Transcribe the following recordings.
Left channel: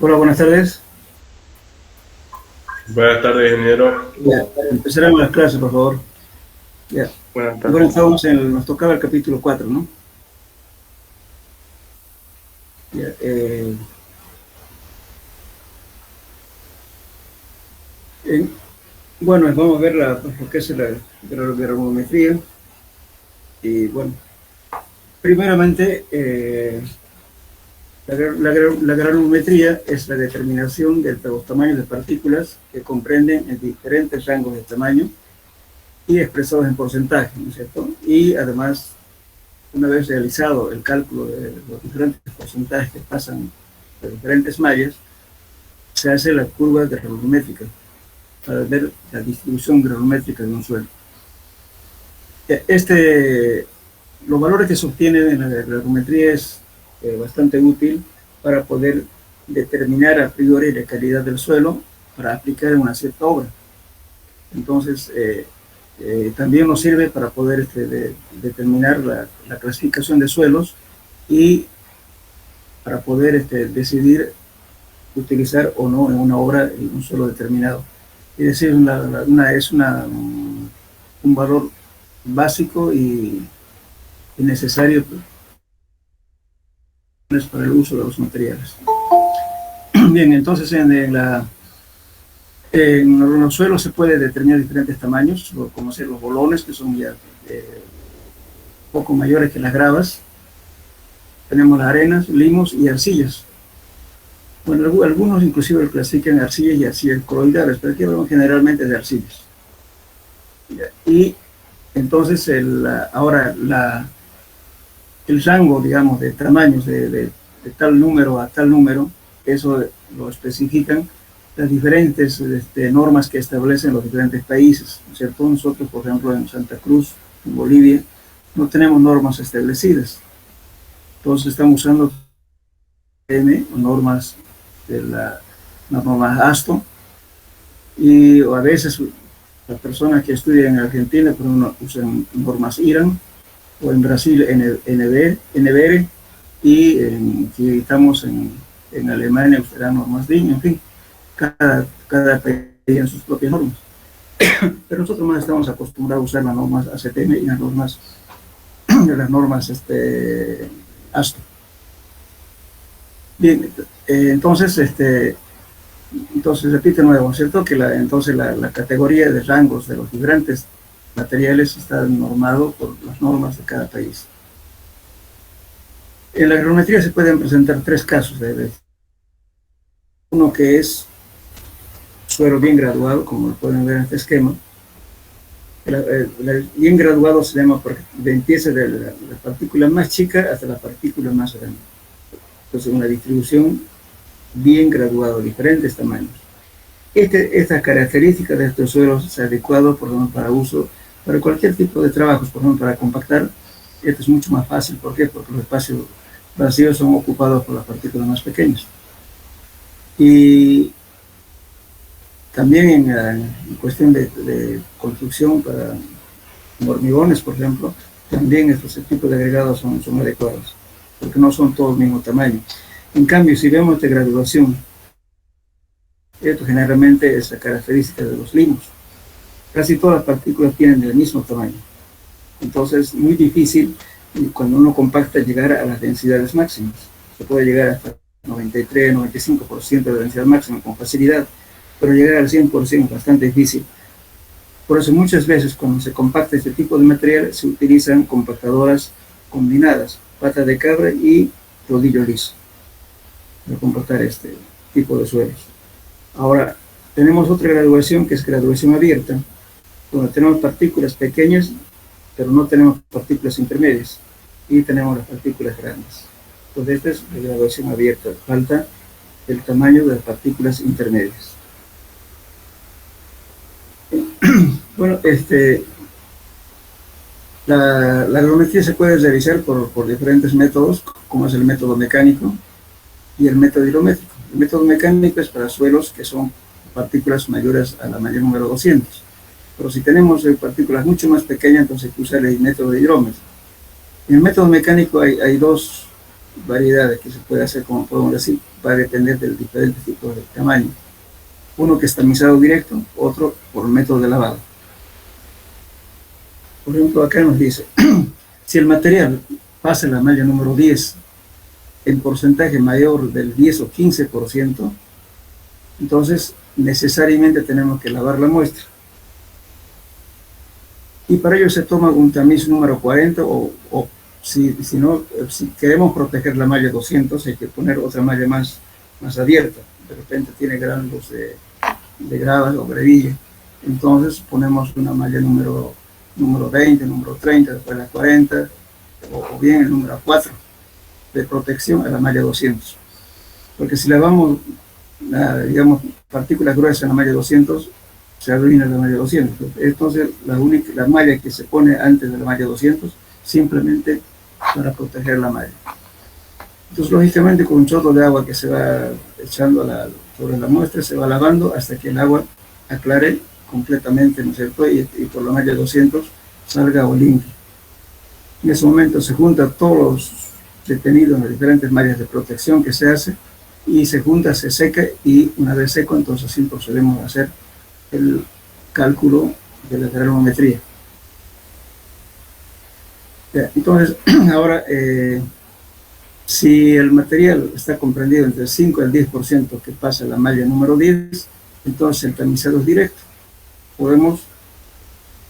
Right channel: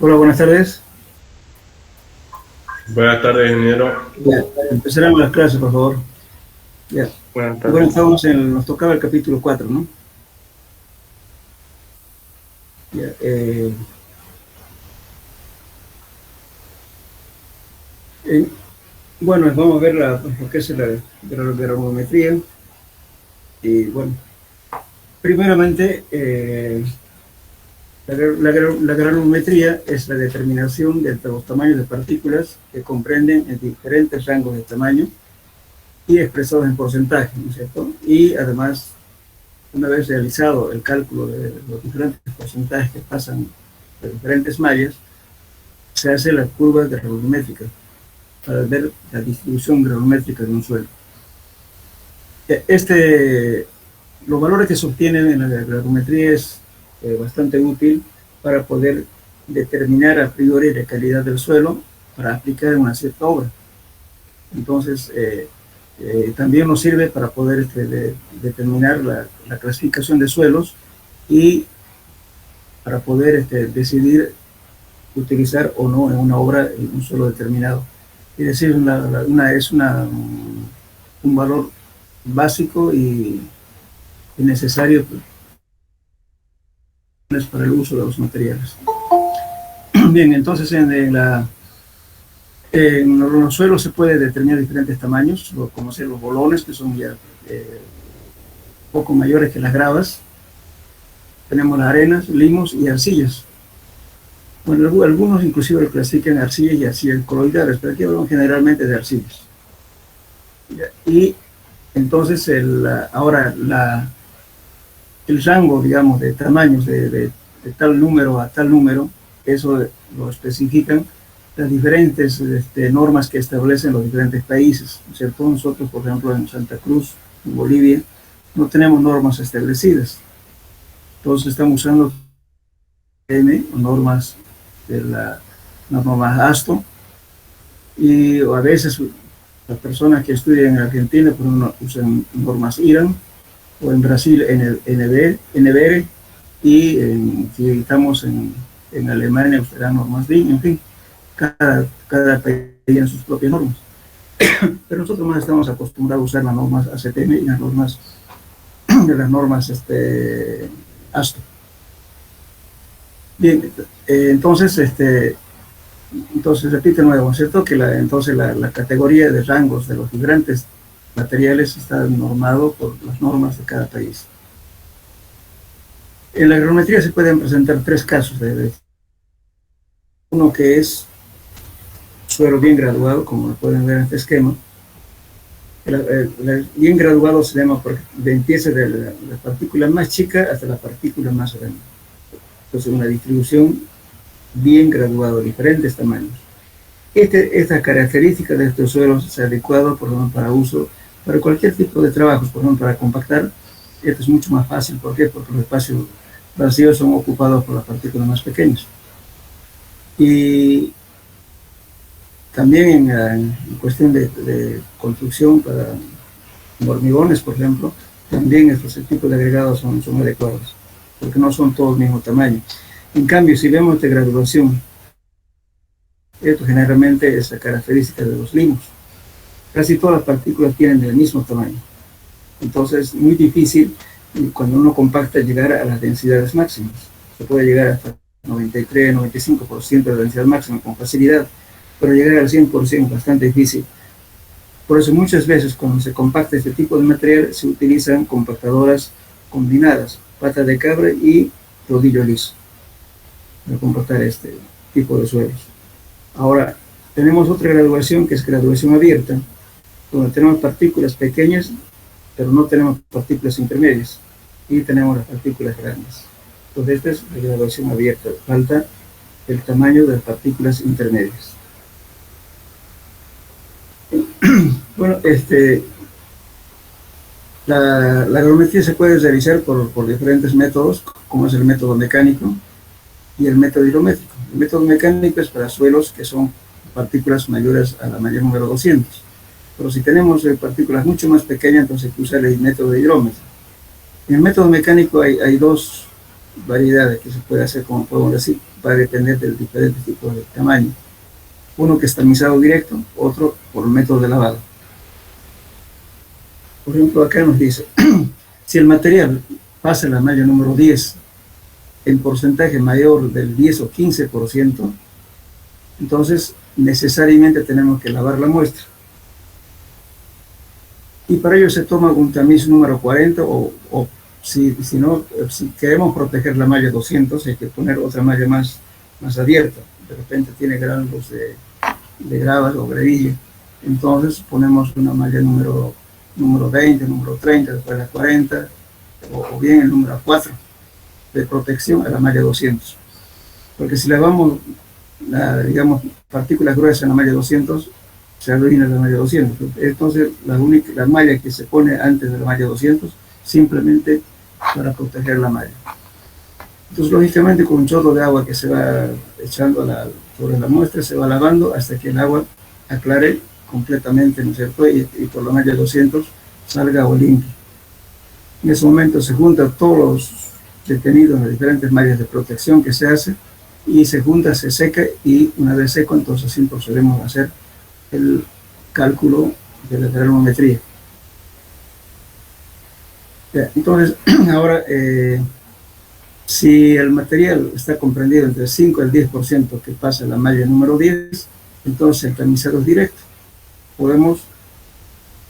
Hola, buenas tardes. Buenas tardes, ingeniero. Ya, empezaremos las clases, por favor. Ya. Buenas Bueno, tardes. nos tocaba el capítulo 4, ¿no? Ya, eh, bueno, vamos a ver lo que es la granulometría. Y bueno, primeramente, la granulometría es la determinación de los tamaños de partículas que comprenden en diferentes rangos de tamaño y expresados en porcentaje, ¿no es cierto? Y además, una vez realizado el cálculo de los diferentes porcentajes que pasan de diferentes mallas, se hace la curva granulométrica para ver la distribución granulométrica de un suelo. Los valores que se obtienen en la granulometría es bastante útil para poder determinar a priori la calidad del suelo para aplicar en una cierta obra. Entonces, también nos sirve para poder determinar la clasificación de suelos y para poder decidir utilizar o no en una obra en un suelo determinado. Es decir, un valor básico y necesario para el uso de los materiales. Bien, entonces en los suelos se puede determinar diferentes tamaños, como ser los bolones, que son ya poco mayores que las gravas. Tenemos las arenas, limos y arcillas. Bueno, algunos inclusive lo clasifican arcillas y arcillas coloidales, pero aquí hablamos generalmente de arcillas. Y entonces ahora el rango, digamos, de tamaños de tal número a tal número, eso lo especifican las diferentes normas que establecen los diferentes países, ¿cierto? Nosotros, por ejemplo, en Santa Cruz, en Bolivia, no tenemos normas establecidas. Entonces estamos usando normas de las normas ASTO, y a veces las personas que estudian en Argentina, por ejemplo, usan normas IRAN, o en Brasil NBR, y si estamos en Alemania usarán normas DIN, en fin, cada país tiene sus propias normas. Pero nosotros más estamos acostumbrados a usar las normas ACTM y las normas ASTO. Bien, entonces repite nuevo, ¿cierto? Que entonces la categoría de rangos de los diferentes materiales está normado por las normas de cada país. En la granulometría se pueden presentar tres casos. Uno que es suelo bien graduado, como lo pueden ver en este esquema. Bien graduado se llama porque empieza de la partícula más chica hasta la partícula más grande. Entonces, una distribución bien graduada, diferentes tamaños. Esta característica de estos suelos es adecuado, por ejemplo, para uso, para cualquier tipo de trabajos, por ejemplo, para compactar. Esto es mucho más fácil. ¿Por qué? Porque los espacios vacíos son ocupados por las partículas más pequeñas. Y también en cuestión de construcción para hormigones, por ejemplo, también estos tipos de agregados son adecuados, porque no son todos del mismo tamaño. En cambio, si vemos esta graduación, esto generalmente es la característica de los limos. Casi todas las partículas tienen el mismo tamaño. Entonces, es muy difícil cuando uno compacta llegar a las densidades máximas. Se puede llegar hasta 93, 95% de la densidad máxima con facilidad, pero llegar al 100% es bastante difícil. Por eso muchas veces cuando se compacta este tipo de material se utilizan compactadoras combinadas, pata de cabra y rodillo liso, para compactar este tipo de suelos. Ahora, tenemos otra graduación que es graduación abierta, donde tenemos partículas pequeñas, pero no tenemos partículas intermedias, y tenemos las partículas grandes. Entonces, esta es la graduación abierta, falta el tamaño de las partículas intermedias. Bueno, la granulometría se puede realizar por diferentes métodos, como es el método mecánico y el método hidrométrico. El método mecánico es para suelos que son partículas mayores a la malla número 200. Pero si tenemos partículas mucho más pequeñas, entonces hay que usar el método de hidrómetro. En el método mecánico hay dos variedades que se puede hacer, como podemos decir, va a depender del diferente tipo de tamaño. Uno que es tamizado directo, otro por método de lavado. Por ejemplo, acá nos dice, si el material pasa la malla número 10 en porcentaje mayor del 10 o 15%, entonces necesariamente tenemos que lavar la muestra. Y para ello se toma un tamiz número 40 o si queremos proteger la malla 200, hay que poner otra malla más abierta. De repente tiene granos de gravas o grevilla. Entonces ponemos una malla número 20, número 30, después la 40, o bien el número 4 de protección a la malla 200. Porque si le damos, digamos, partículas gruesas en la malla 200, se arruina la malla 200. Entonces, la malla que se pone antes de la malla 200, simplemente para proteger la malla. Entonces, lógicamente, con un chorro de agua que se va echando sobre la muestra, se va lavando hasta que el agua aclare completamente, ¿no es cierto? Y por la malla 200 salga agua limpia. En ese momento se juntan todos los detenidos en las diferentes mallas de protección que se hace, y se junta, se seca, y una vez seco, entonces sí procedemos a hacer el cálculo de la granulometría. Entonces, ahora, si el material está comprendido entre el 5 y el 10% que pasa la malla número 10, entonces el tamizado es directo. Podemos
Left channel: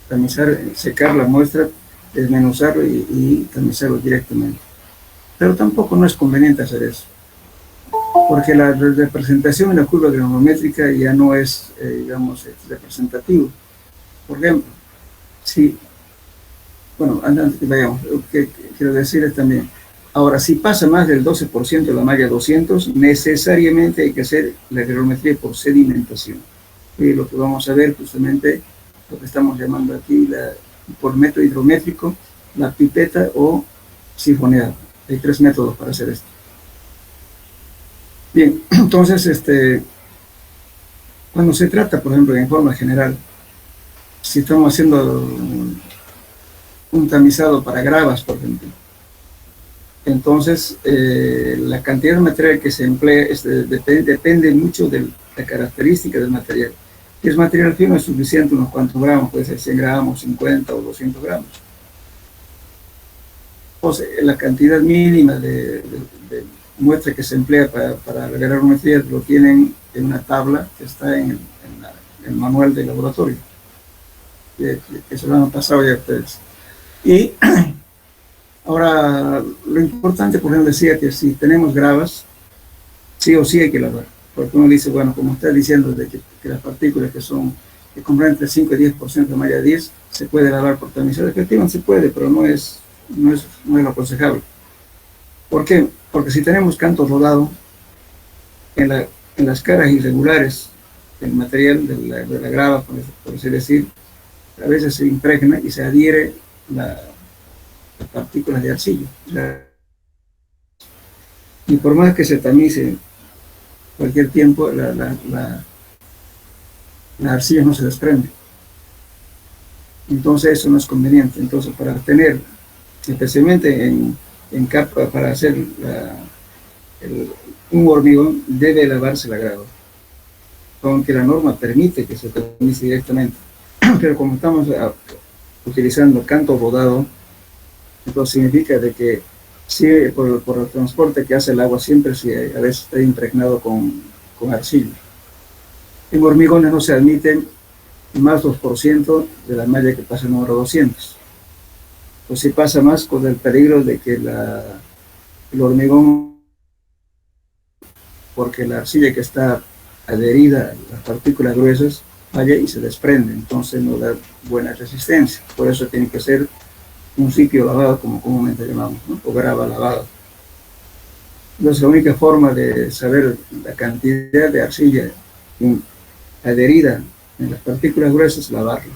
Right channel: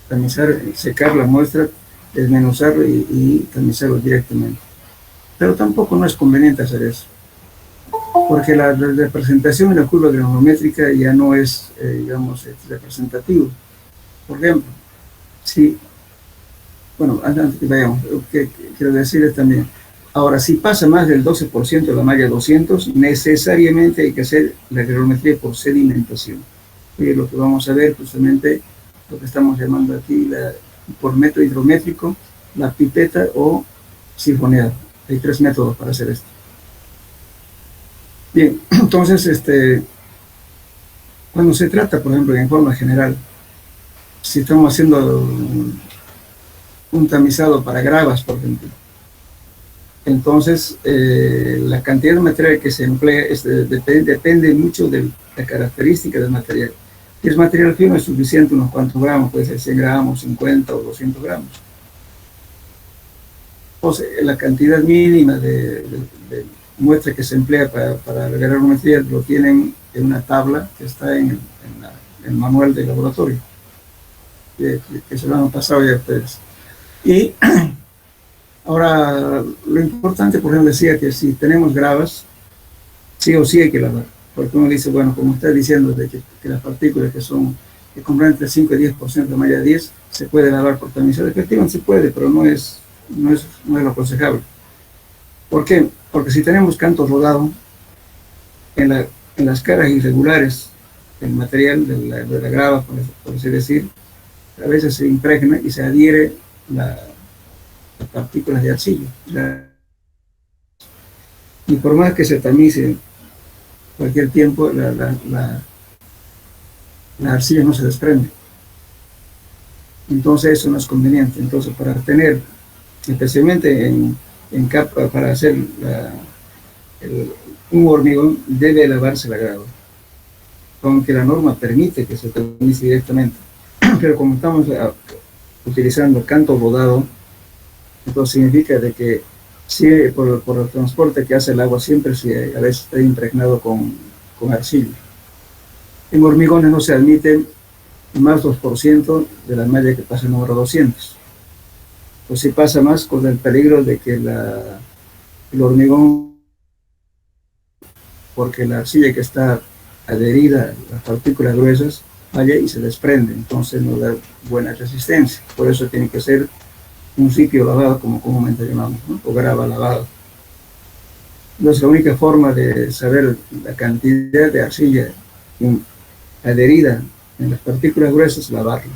tamizar, secar la muestra, desmenuzarlo y tamizarlo directamente. Pero tampoco no es conveniente hacer eso, porque la representación en la curva granulométrica ya no es, digamos, representativo. Por ejemplo, bueno, antes que vayamos, lo que quiero decir es también, ahora, si pasa más del 12% de la malla 200, necesariamente hay que hacer la granulometría por sedimentación. Y lo que vamos a ver justamente, lo que estamos llamando aquí, por método hidrométrico, la pipeta o sifoneado. Hay 3 métodos para hacer esto. Bien, entonces, cuando se trata, por ejemplo, en forma general, si estamos haciendo un tamizado para gravas, por ejemplo, entonces la cantidad de material que se emplea depende mucho de la característica del material. Si es material fino, es suficiente unos cuantos gramos, puede ser 100 gramos, 50 o 200 gramos. Entonces, la cantidad mínima de muestra que se emplea para revelar un material lo tienen en una tabla que está en el manual del laboratorio, que se lo han pasado ya a ustedes. Y ahora, lo importante, por ejemplo, decía que si tenemos gravas, sí o sí hay que lavar, porque uno dice, bueno, como está diciendo, de que las partículas que comprenden entre 5 y 10% de malla 10, se puede lavar por tamizado. Efectivamente se puede, pero no es lo aconsejable. ¿Por qué? Porque si tenemos canto rodado en las caras irregulares del material, de la grava, por así decir, a veces se impregna y se adhiere las partículas de arcilla. Y por más que se tamice cualquier tiempo, la arcilla no se desprende. Entonces eso no es conveniente. Entonces, para tener, especialmente en capa, para hacer un hormigón, debe lavarse la grava, aunque la norma permite que se tamice directamente. Pero como estamos utilizando canto rodado, entonces significa de que si por el transporte que hace el agua siempre a veces está impregnado con arcilla. En hormigones no se admiten más 2% de la malla que pasa el número 200. Pues si pasa más, con el peligro de que el hormigón, porque la arcilla que está adherida a las partículas gruesas, falla y se desprende, entonces no da buena resistencia. Por eso tiene que ser un sitio lavado, como comúnmente llamamos, ¿no? O grava lavado. Entonces, la única forma de saber la cantidad de arcilla adherida en las partículas gruesas es lavarla.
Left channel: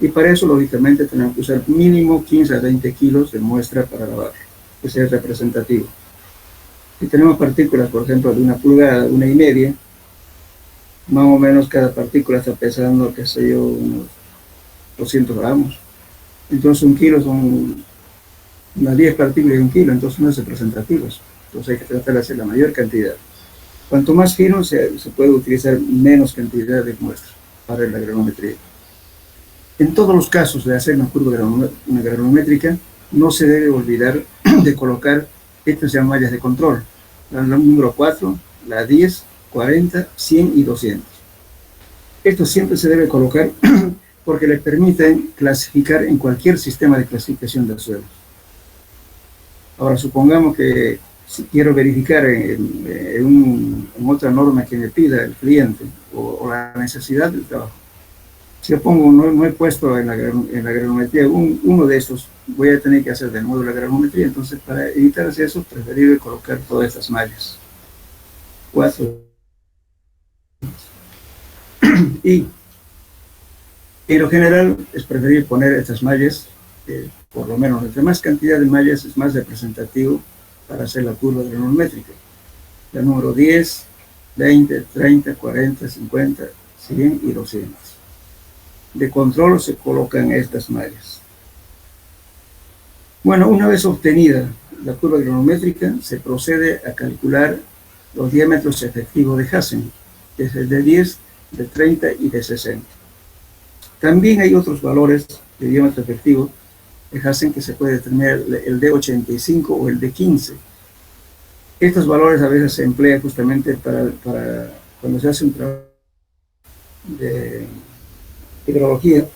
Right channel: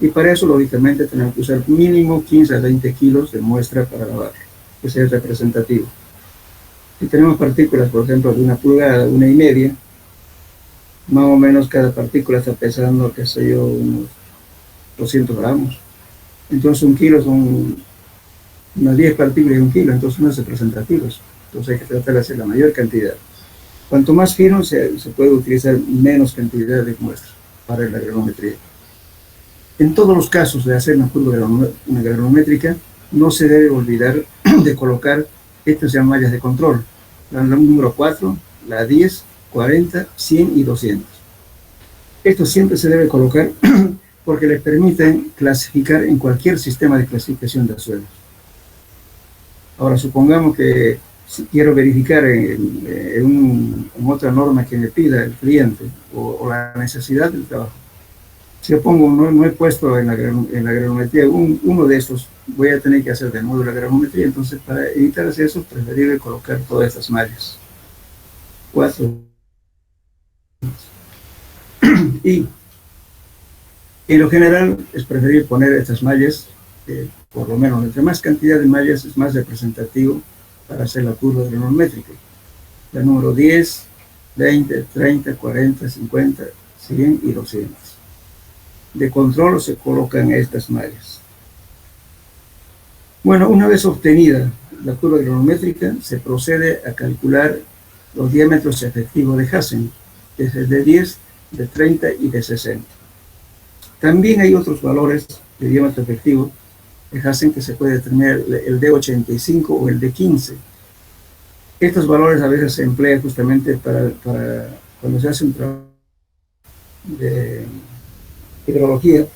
Y para eso, lógicamente, tenemos que usar mínimo 15 a 20 kilos de muestra para lavarla, que sea representativo. Si tenemos partículas, por ejemplo, de 1 pulgada, 1,5, más o menos cada partícula está pesando, qué sé yo, unos 200 gramos. Entonces 1 kilo son unas 10 partículas de 1 kilo, entonces no es representativo eso. Entonces hay que tratar de hacer la mayor cantidad. Cuanto más fino, se puede utilizar menos cantidad de muestras para la granometría. En todos los casos de hacer una curva granométrica, no se debe olvidar de colocar estas ya mallas de control. La número 4, la 10, 40, 100 y 200. Esto siempre se debe colocar porque les permite clasificar en cualquier sistema de clasificación de suelos. Ahora, supongamos que si quiero verificar en otra norma que me pida el cliente o la necesidad del trabajo, si yo pongo, no he puesto en la granometría uno de estos, voy a tener que hacer de nuevo la granometría. Entonces, para evitar hacer eso, preferible colocar todas estas mallas. 4. Y en lo general es preferible poner estas mallas, por lo menos entre más cantidad de mallas es más representativo para hacer la curva granométrica. La número 10, 20, 30, 40, 50, 100 y 200. De control se colocan estas mallas. Bueno, una vez obtenida la curva granométrica, se procede a calcular los diámetros efectivos de Hassen, desde de 10, de 30 y de 60. También hay otros valores de diámetro efectivo de Hassen que se puede determinar, el de 85 o el de 15. Estos valores a veces se emplean justamente para cuando se hace un trabajo de hidrología.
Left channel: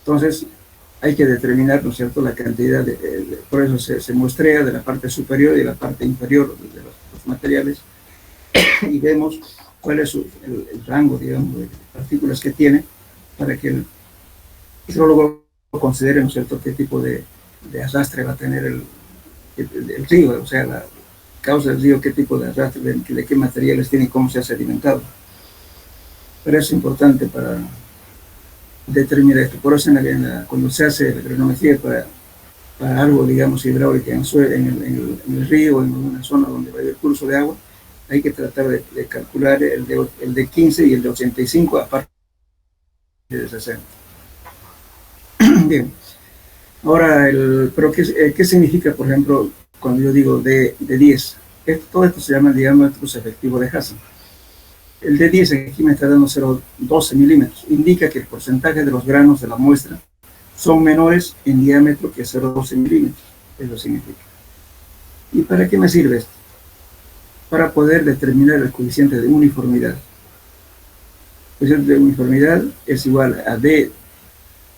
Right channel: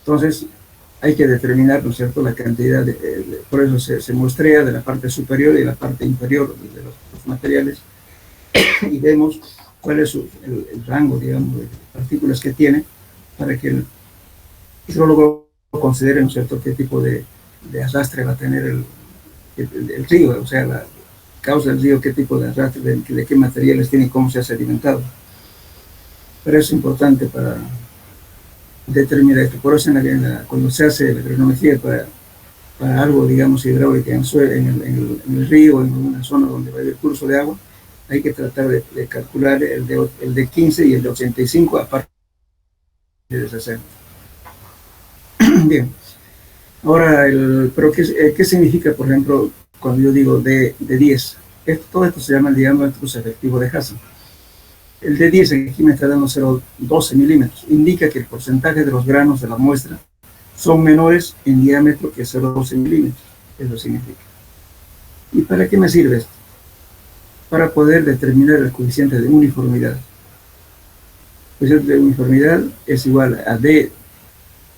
Entonces hay que determinar, ¿no es cierto?, la cantidad, por eso se muestrea de la parte superior y la parte inferior de los materiales y vemos cuál es el rango, digamos, de partículas que tiene para que el hidrólogo considere, ¿no es cierto?, qué tipo de arrastre va a tener el río, o sea, la causa del río, qué tipo de arrastre, de qué materiales tiene y cómo se ha sedimentado. Pero es importante para determinar esto. Por eso cuando se hace la granometría para algo, digamos, hidráulica en el río, en una zona donde va a haber curso de agua, hay que tratar de calcular el de 15 y el de 85 aparte de 60. Bien. Ahora, pero ¿qué significa, por ejemplo, cuando yo digo de 10? Todo esto se llama el diámetro efectivo de Hassen. El de 10 aquí me está dando 0,12 milímetros. Indica que el porcentaje de los granos de la muestra son menores en diámetro que 0,12 milímetros. Eso significa. ¿Y para qué me sirve esto? Para poder determinar el coeficiente de uniformidad. El coeficiente de uniformidad es igual a D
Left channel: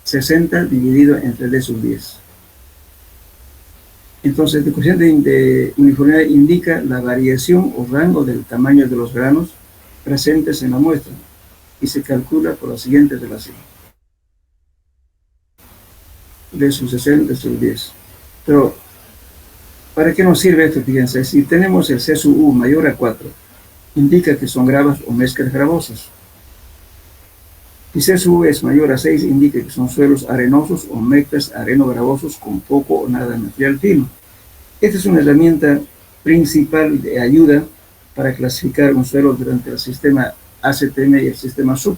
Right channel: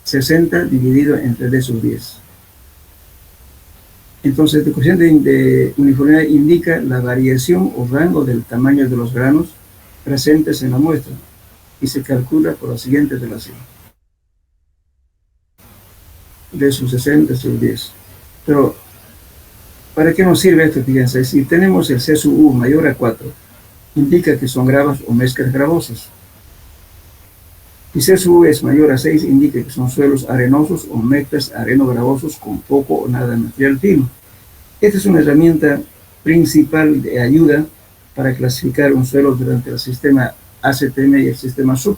60 dividido entre D sub 10. Entonces, el coeficiente de uniformidad indica la variación o rango del tamaño de los granos presentes en la muestra y se calcula por la siguiente relación. D sub 60 sub 10. Pero, ¿para qué nos sirve esto? Fíjense, si tenemos el C sub U mayor a 4, indica que son gravas o mezclas gravosas. Si C sub U es mayor a 6, indica que son suelos arenosos o mezclas areno-gravosos con poco o nada de material fino. Esta es una herramienta principal de ayuda para clasificar un suelo durante el sistema ACTM y el sistema SUB.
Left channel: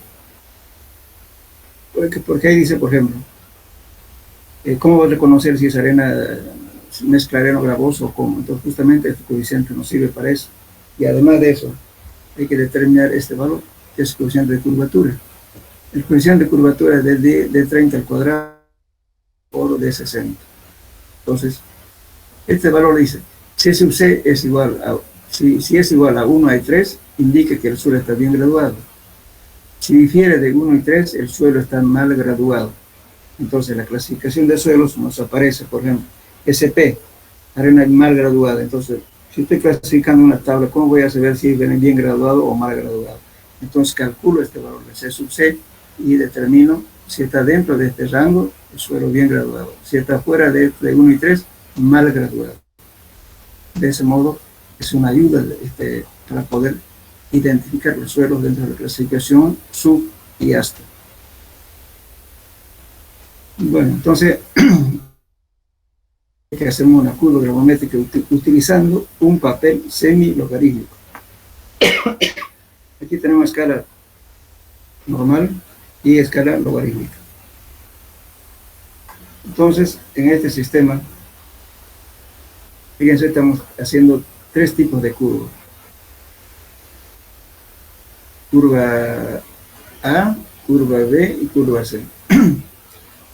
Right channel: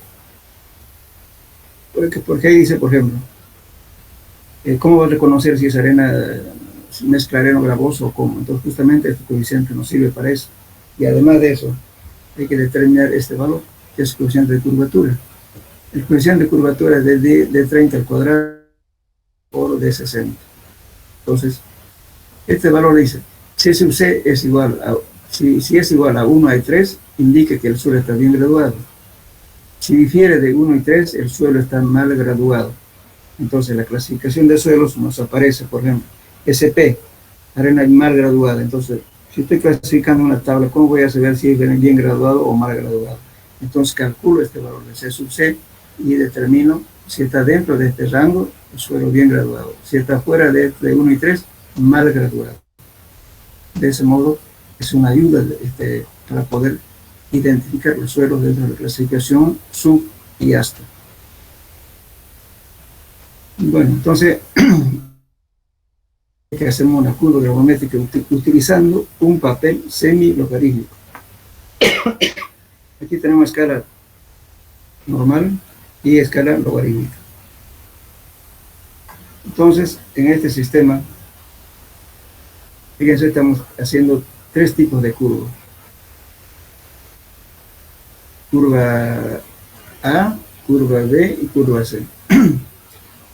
Porque ahí dice, por ejemplo, ¿cómo va a reconocer si es arena, mezcla areno-gravoso o cómo? Entonces, justamente este coeficiente nos sirve para eso. Y además de eso, hay que determinar este valor, que es el coeficiente de curvatura. El coeficiente de curvatura es de 30 al cuadrado por de 60. Entonces, este valor dice, C sub C es igual a, si es igual a 1 y 3, indica que el suelo está bien graduado. Si difiere de 1 y 3, el suelo está mal graduado. Entonces, la clasificación de suelos nos aparece, por ejemplo, SP, arena mal graduada. Entonces, si estoy clasificando una tabla, ¿cómo voy a saber si es bien graduado o mal graduado? Entonces, calculo este valor de C sub C y determino si está dentro de este rango, el suelo bien graduado. Si está fuera de 1 y 3, mal graduado. De ese modo, es una ayuda para poder identificar los suelos dentro de la clasificación sub y hasta. Bueno, entonces, que hacemos una curva gravimétrica utilizando un papel semi-logarítmico. Aquí tenemos escala normal y escala logarítmica. Entonces, en este sistema Fíjense, estamos haciendo tres tipos de curva. Curva A, curva B y curva C.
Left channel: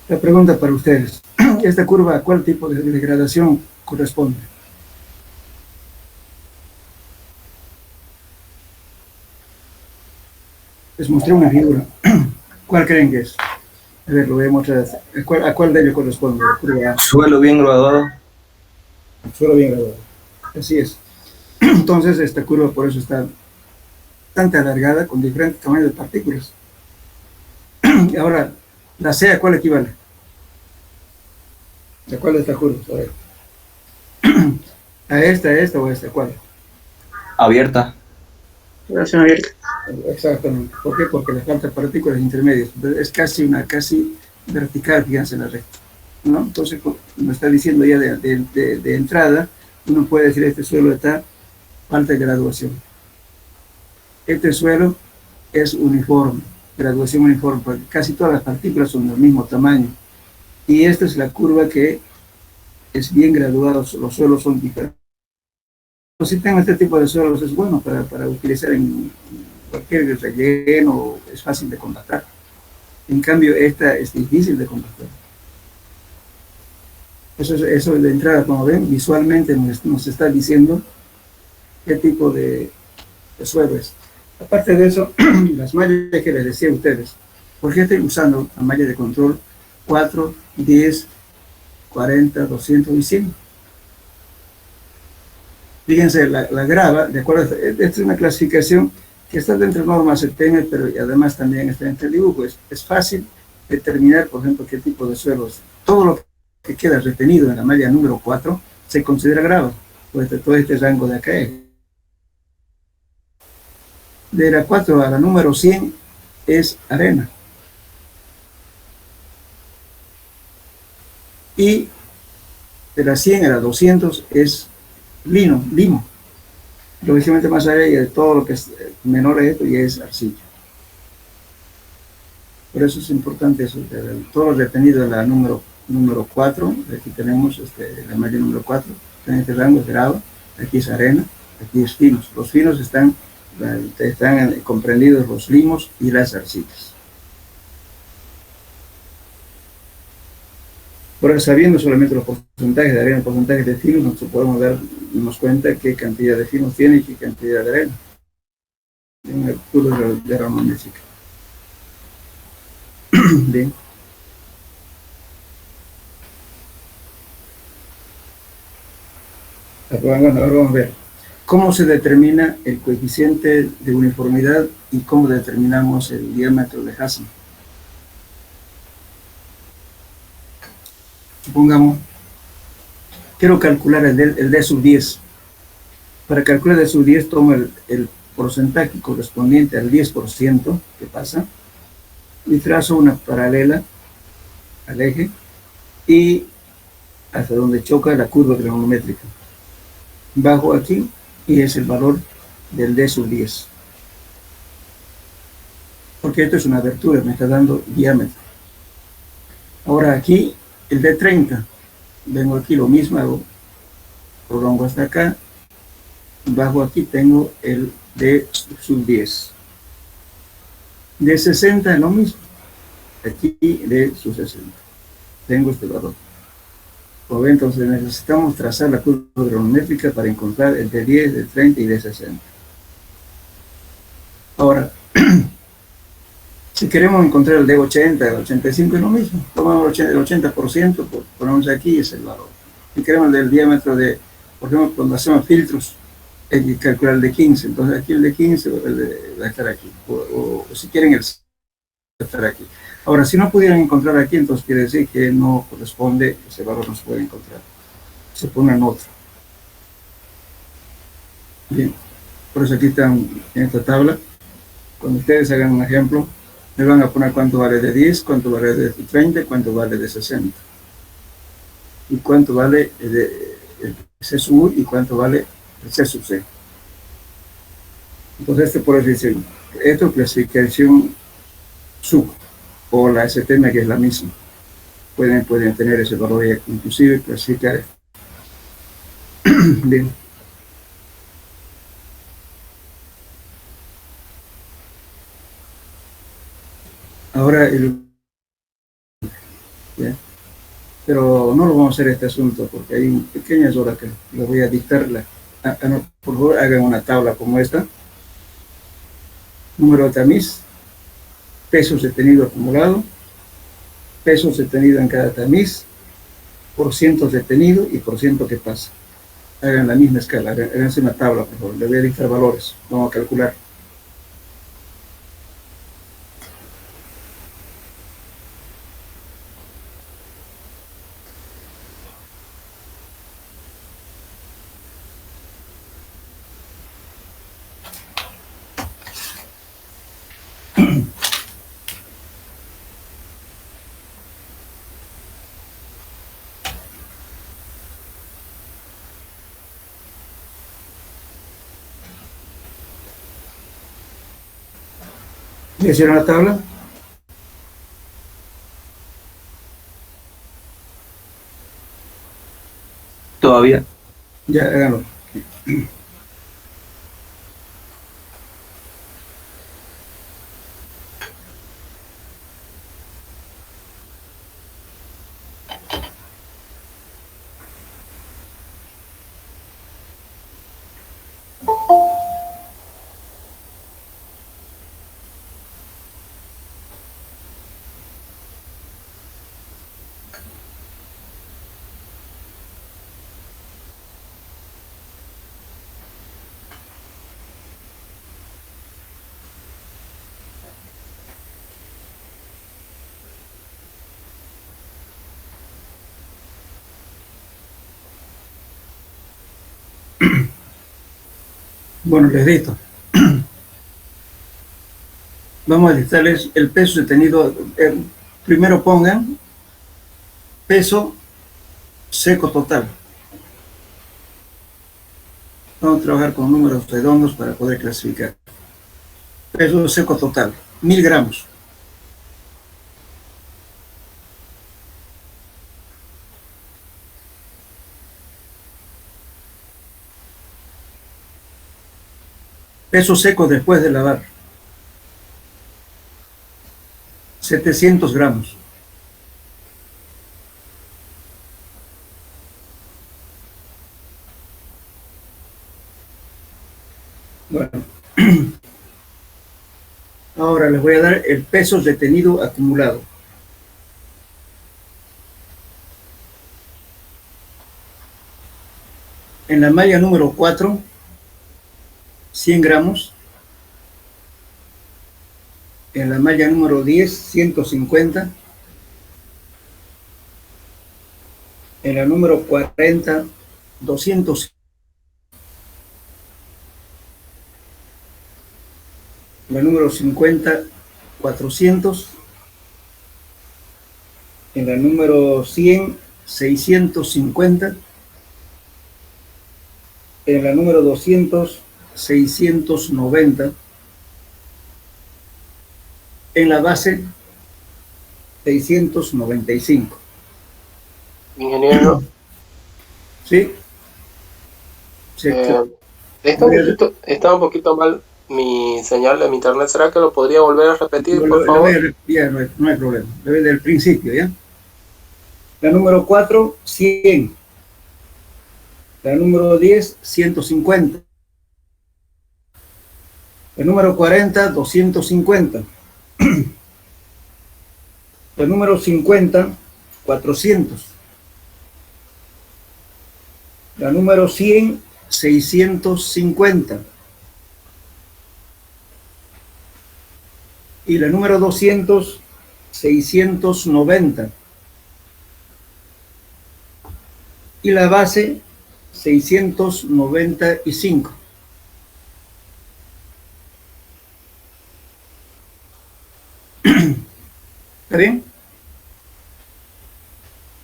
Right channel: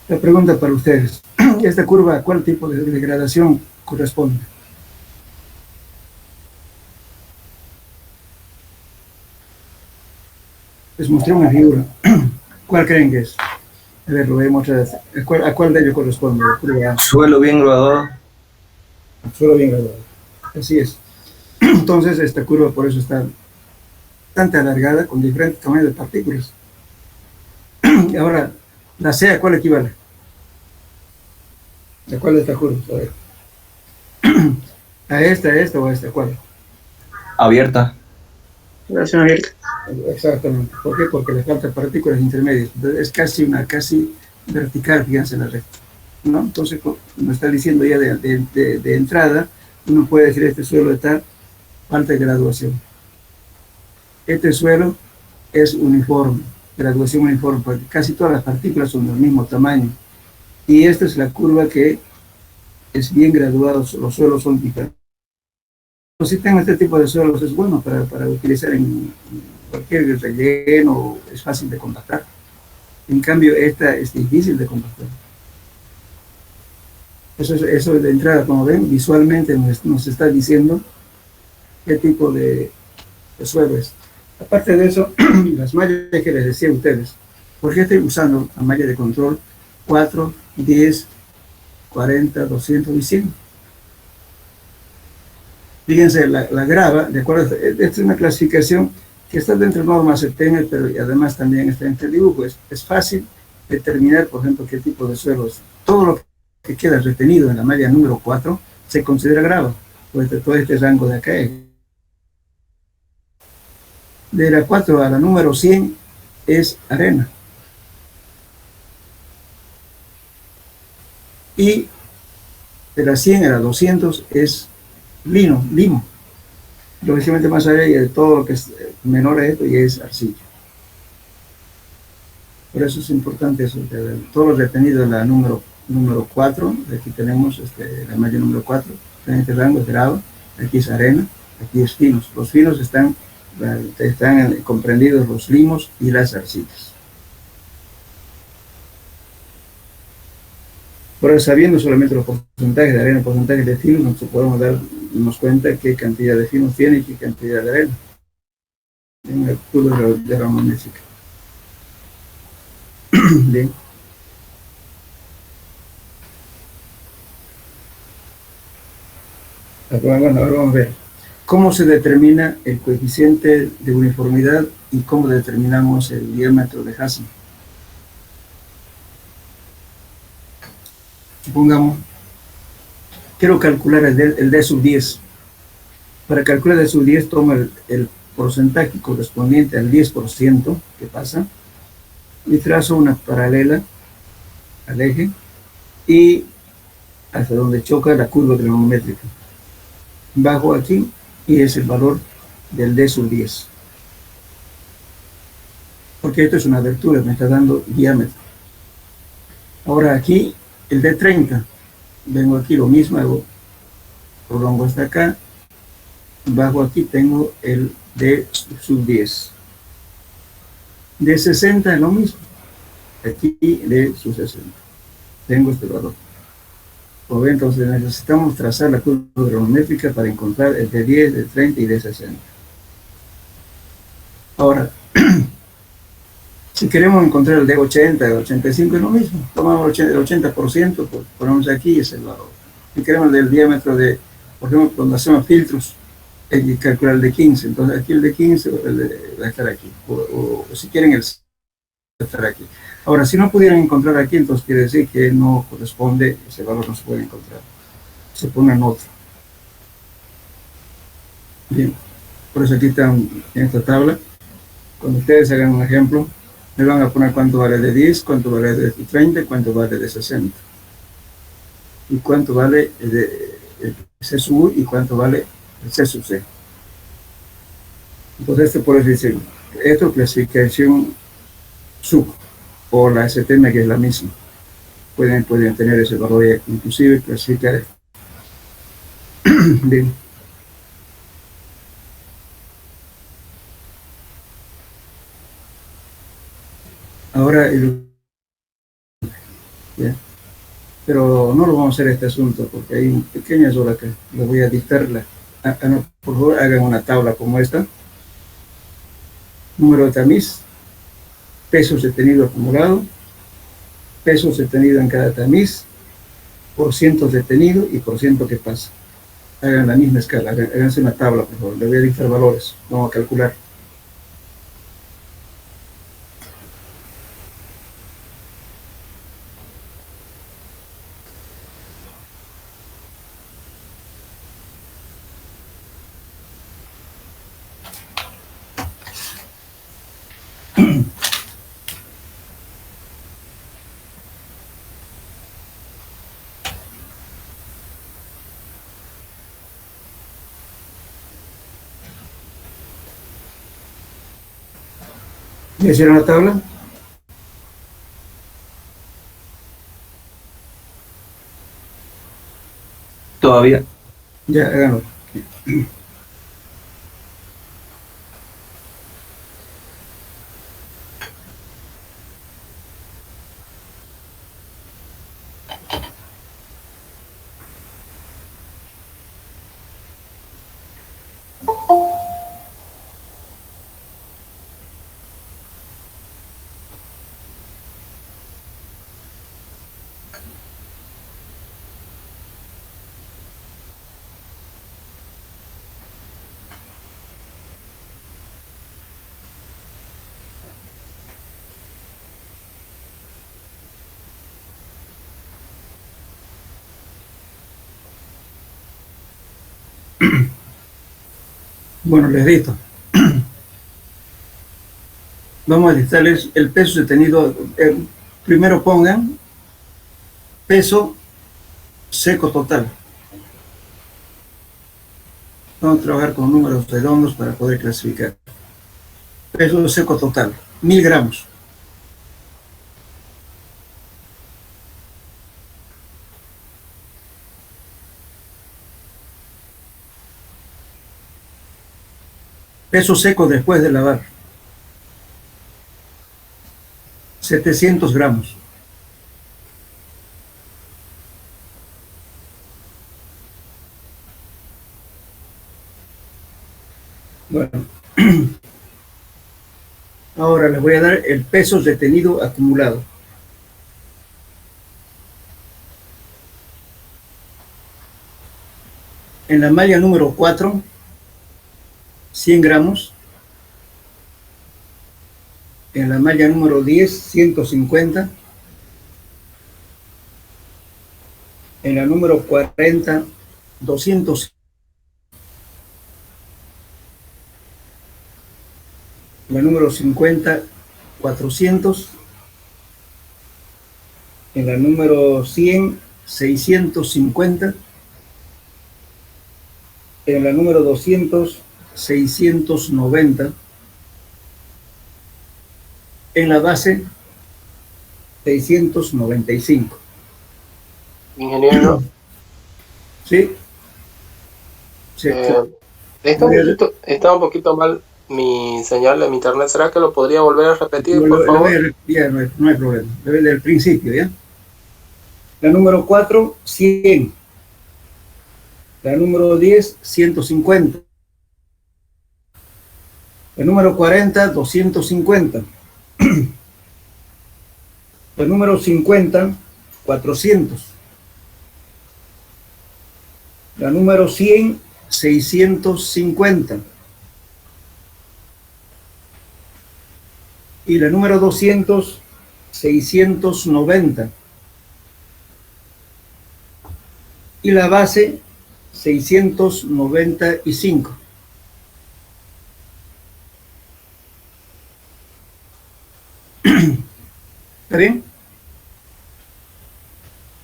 La pregunta para ustedes, ¿esta curva a cuál tipo de degradación corresponde? Les mostré una figura. ¿Cuál creen que es? A ver, lo voy a mostrar. ¿A cuál de ellos corresponde? La curva A. Suelo bien graduado. Suelo bien graduado. Así es. Entonces, esta curva por eso está bastante alargada con diferentes tamaños de partículas. Ahora, la C, ¿a cuál equivale? ¿A cuál de estas curvas? A ver. ¿A esta o a esta? ¿Cuál? Abierta. Relación abierta. Exactamente. ¿Por qué? Porque le faltan partículas intermedias. Entonces, es casi vertical, fíjense, la recta, ¿no? Entonces, como está diciendo ya de entrada, uno puede decir este suelo está falta de graduación. Este suelo es uniforme, graduación uniforme, porque casi todas las partículas son del mismo tamaño. Y esta es la curva que es bien graduada, los suelos son diferentes. Si tengo este tipo de suelos es bueno para utilizar en cualquier relleno, es fácil de compactar. En cambio, esta es difícil de compactar. Eso de entrada, como ven, visualmente nos está diciendo qué tipo de suelo es. Aparte de eso, las mallas que les decía a ustedes, ¿por qué estoy usando la malla de control 4, 10, 40, 200 y 100? Fíjense, la grava, de acuerdo, esta es una clasificación que está dentro de normas CTM, pero además también está entre el dibujo. Es fácil determinar, por ejemplo, qué tipo de suelo es. Todo lo que queda retenido en la malla número 4 se considera grava. Pues todo este rango de acá de la 4 a la número 100 es arena. Y de la 100 a la 200 es limo. Lógicamente más allá de todo lo que es menor a esto y es arcilla. Por eso es importante eso, todo lo retenido en la número 4, aquí tenemos la malla número 4, en este rango es grava, aquí es arena, aquí es finos. Los finos están comprendidos los limos y las arcillas. Por eso, sabiendo solamente los porcentajes de arena, porcentajes de finos, nosotros podemos darnos cuenta qué cantidad de finos tiene y qué cantidad de arena en el cúmulo de rama métrica. Bien. Ahora vamos a ver cómo se determina el coeficiente de uniformidad y cómo determinamos el diámetro de Hassen. Supongamos, quiero calcular el D sub 10. Para calcular el D sub 10 tomo el porcentaje correspondiente al 10% que pasa y trazo una paralela al eje y hasta donde choca la curva trigonométrica. Bajo aquí y es el valor del D sub 10. Porque esto es una abertura, me está dando diámetro. Ahora aquí el D30, vengo aquí lo mismo, hago prolongo hasta acá, bajo aquí tengo el D sub 10. D60 es lo mismo, aquí D sub 60. Tengo este valor. Como ven, entonces necesitamos trazar la curva trigonométrica para encontrar el D10, D30 y D60. Ahora, si queremos encontrar el D80, el 85 es lo mismo. Tomamos el 80%, ponemos aquí es el valor. Si queremos el diámetro de, por ejemplo, cuando hacemos filtros, hay que calcular el de 15. Entonces aquí el de 15 va a estar aquí. O si quieren el va a estar aquí. Ahora, si no pudieran encontrar aquí, entonces quiere decir que no corresponde, ese valor no se puede encontrar. Se pone en otro. Bien, por eso aquí están en esta tabla. Cuando ustedes hagan un ejemplo, me van a poner cuánto vale de 10, cuánto vale de 30, cuánto vale de 60. Y cuánto vale de C sub U y cuánto vale el C sub C. Entonces, por eso dice, esto es clasificación sub, o la STM, que es la misma. Pueden tener ese valor, inclusive clasificar Bien. Ahora, ya. Pero no lo vamos a hacer este asunto porque hay pequeñas horas que les voy a dictarla. No, por favor, hagan una tabla como esta. Número de tamiz, pesos detenido acumulado, pesos detenido en cada tamiz, por cientos detenido y por ciento que pasa. Hagan la misma escala, háganse una tabla, por favor. Les voy a dictar valores, vamos a calcular. ¿Ya hicieron la tabla? Todavía. Ya, háganlo. Bueno, les dicto. Vamos a listarles el peso detenido. Primero pongan peso seco total. Vamos a trabajar con números redondos para poder clasificar. Peso seco total, 1000 gramos. Peso seco después de lavar, 700 gramos. Bueno, ahora les voy a dar el peso detenido acumulado. En la malla número 4, 100 gramos. En la malla número 10, 150. En la número 40, 200. En la número 50, 400. En la número 100, 650. En la número 200, 690. En la base, 695. Ingeniero, ¿Sí? Sí. está un poquito mal mi señal de mi internet. ¿Será que lo podría volver a repetir, por favor? Ya, no hay problema. Le voy del principio, ¿ya? La número 4, 100. La número 10, 150. La número 40, 250. La número 50, 400. La número 100, 650. Y la número 200, 690. Y la base, 695. ¿Está bien?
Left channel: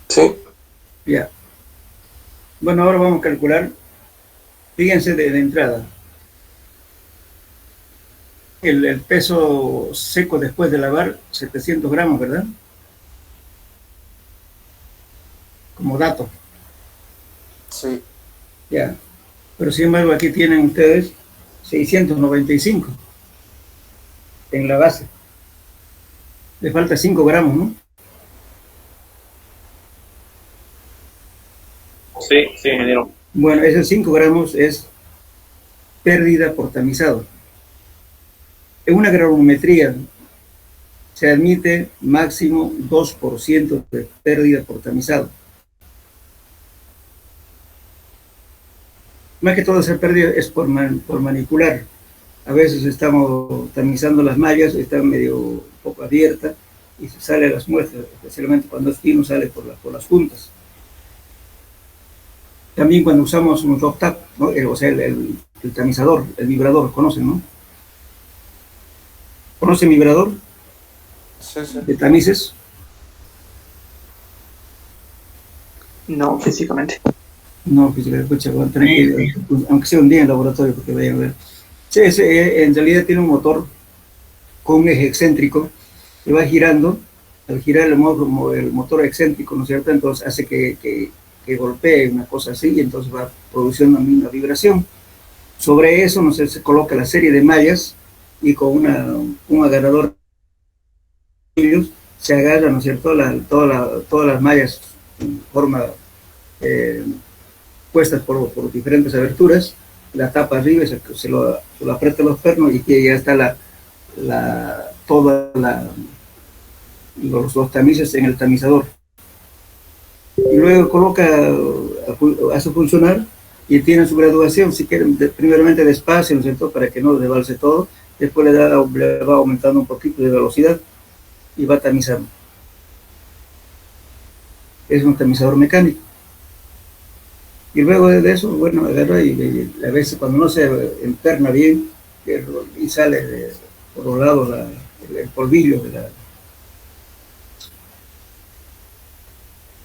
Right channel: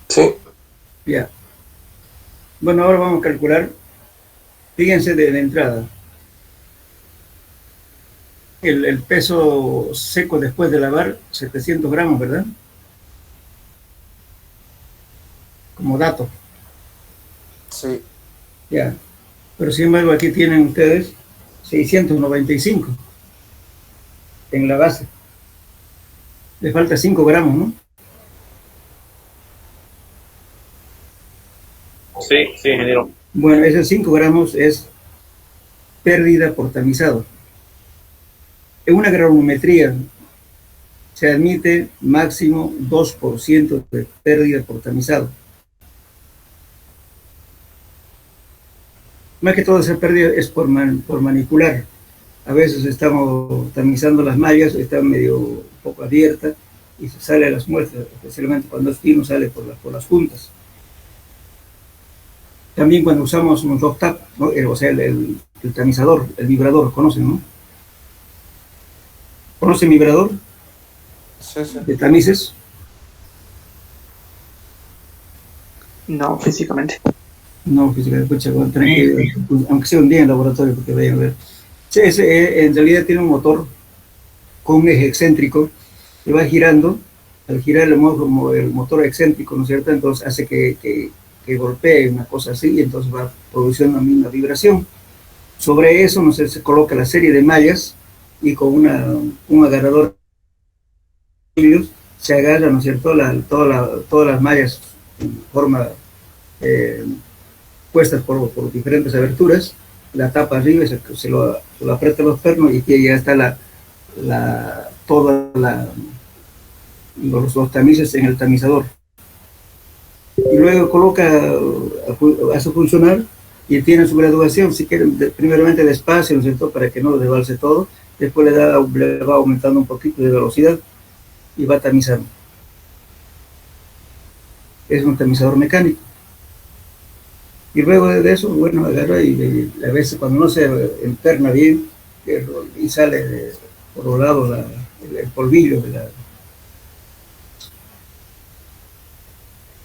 Sí. Ya. Bueno, ahora vamos a calcular. Fíjense de entrada. El peso seco después de lavar, 700 gramos, ¿verdad? Como dato. Sí. ya. Pero sin embargo aquí tienen ustedes 695 en la base. Le falta 5 gramos, ¿no? Sí, sí, ingeniero. Bueno, esos 5 gramos es pérdida por tamizado. En una granulometría se admite máximo 2% de pérdida por tamizado. Más que todo esa pérdida es por manipular. A veces estamos tamizando las mallas, está medio un poco abierta y se sale a las muestras, especialmente cuando es fino, sale por las juntas. También cuando usamos un drop tap, ¿no? O sea, el tamizador, el vibrador, ¿conocen, no? ¿Conocen vibrador? Sí, sí. De tamices. No, físicamente. No, físicamente, escucha, aunque sea un día en laboratorio, porque vayan a ver. Sí, en realidad tiene un motor con un eje excéntrico que va girando. Al girar el motor excéntrico, ¿no es cierto? Entonces hace que golpee una cosa así y entonces va produciendo una vibración. Sobre eso, no sé, se coloca la serie de mallas y con un agarrador se agarra, ¿no es cierto?, todas las mallas en forma puestas por diferentes aberturas, la tapa arriba y se lo aprieta los pernos y que ya está los tamices en el tamizador. Y luego hace funcionar y tiene su graduación, si quieren, primeramente despacio, ¿no es cierto?, para que no desbalse todo, después le va aumentando un poquito de velocidad y va tamizando. Es un tamizador mecánico. Y luego de eso, bueno, agarra y a veces cuando no se interna bien y sale por los lados el polvillo de la...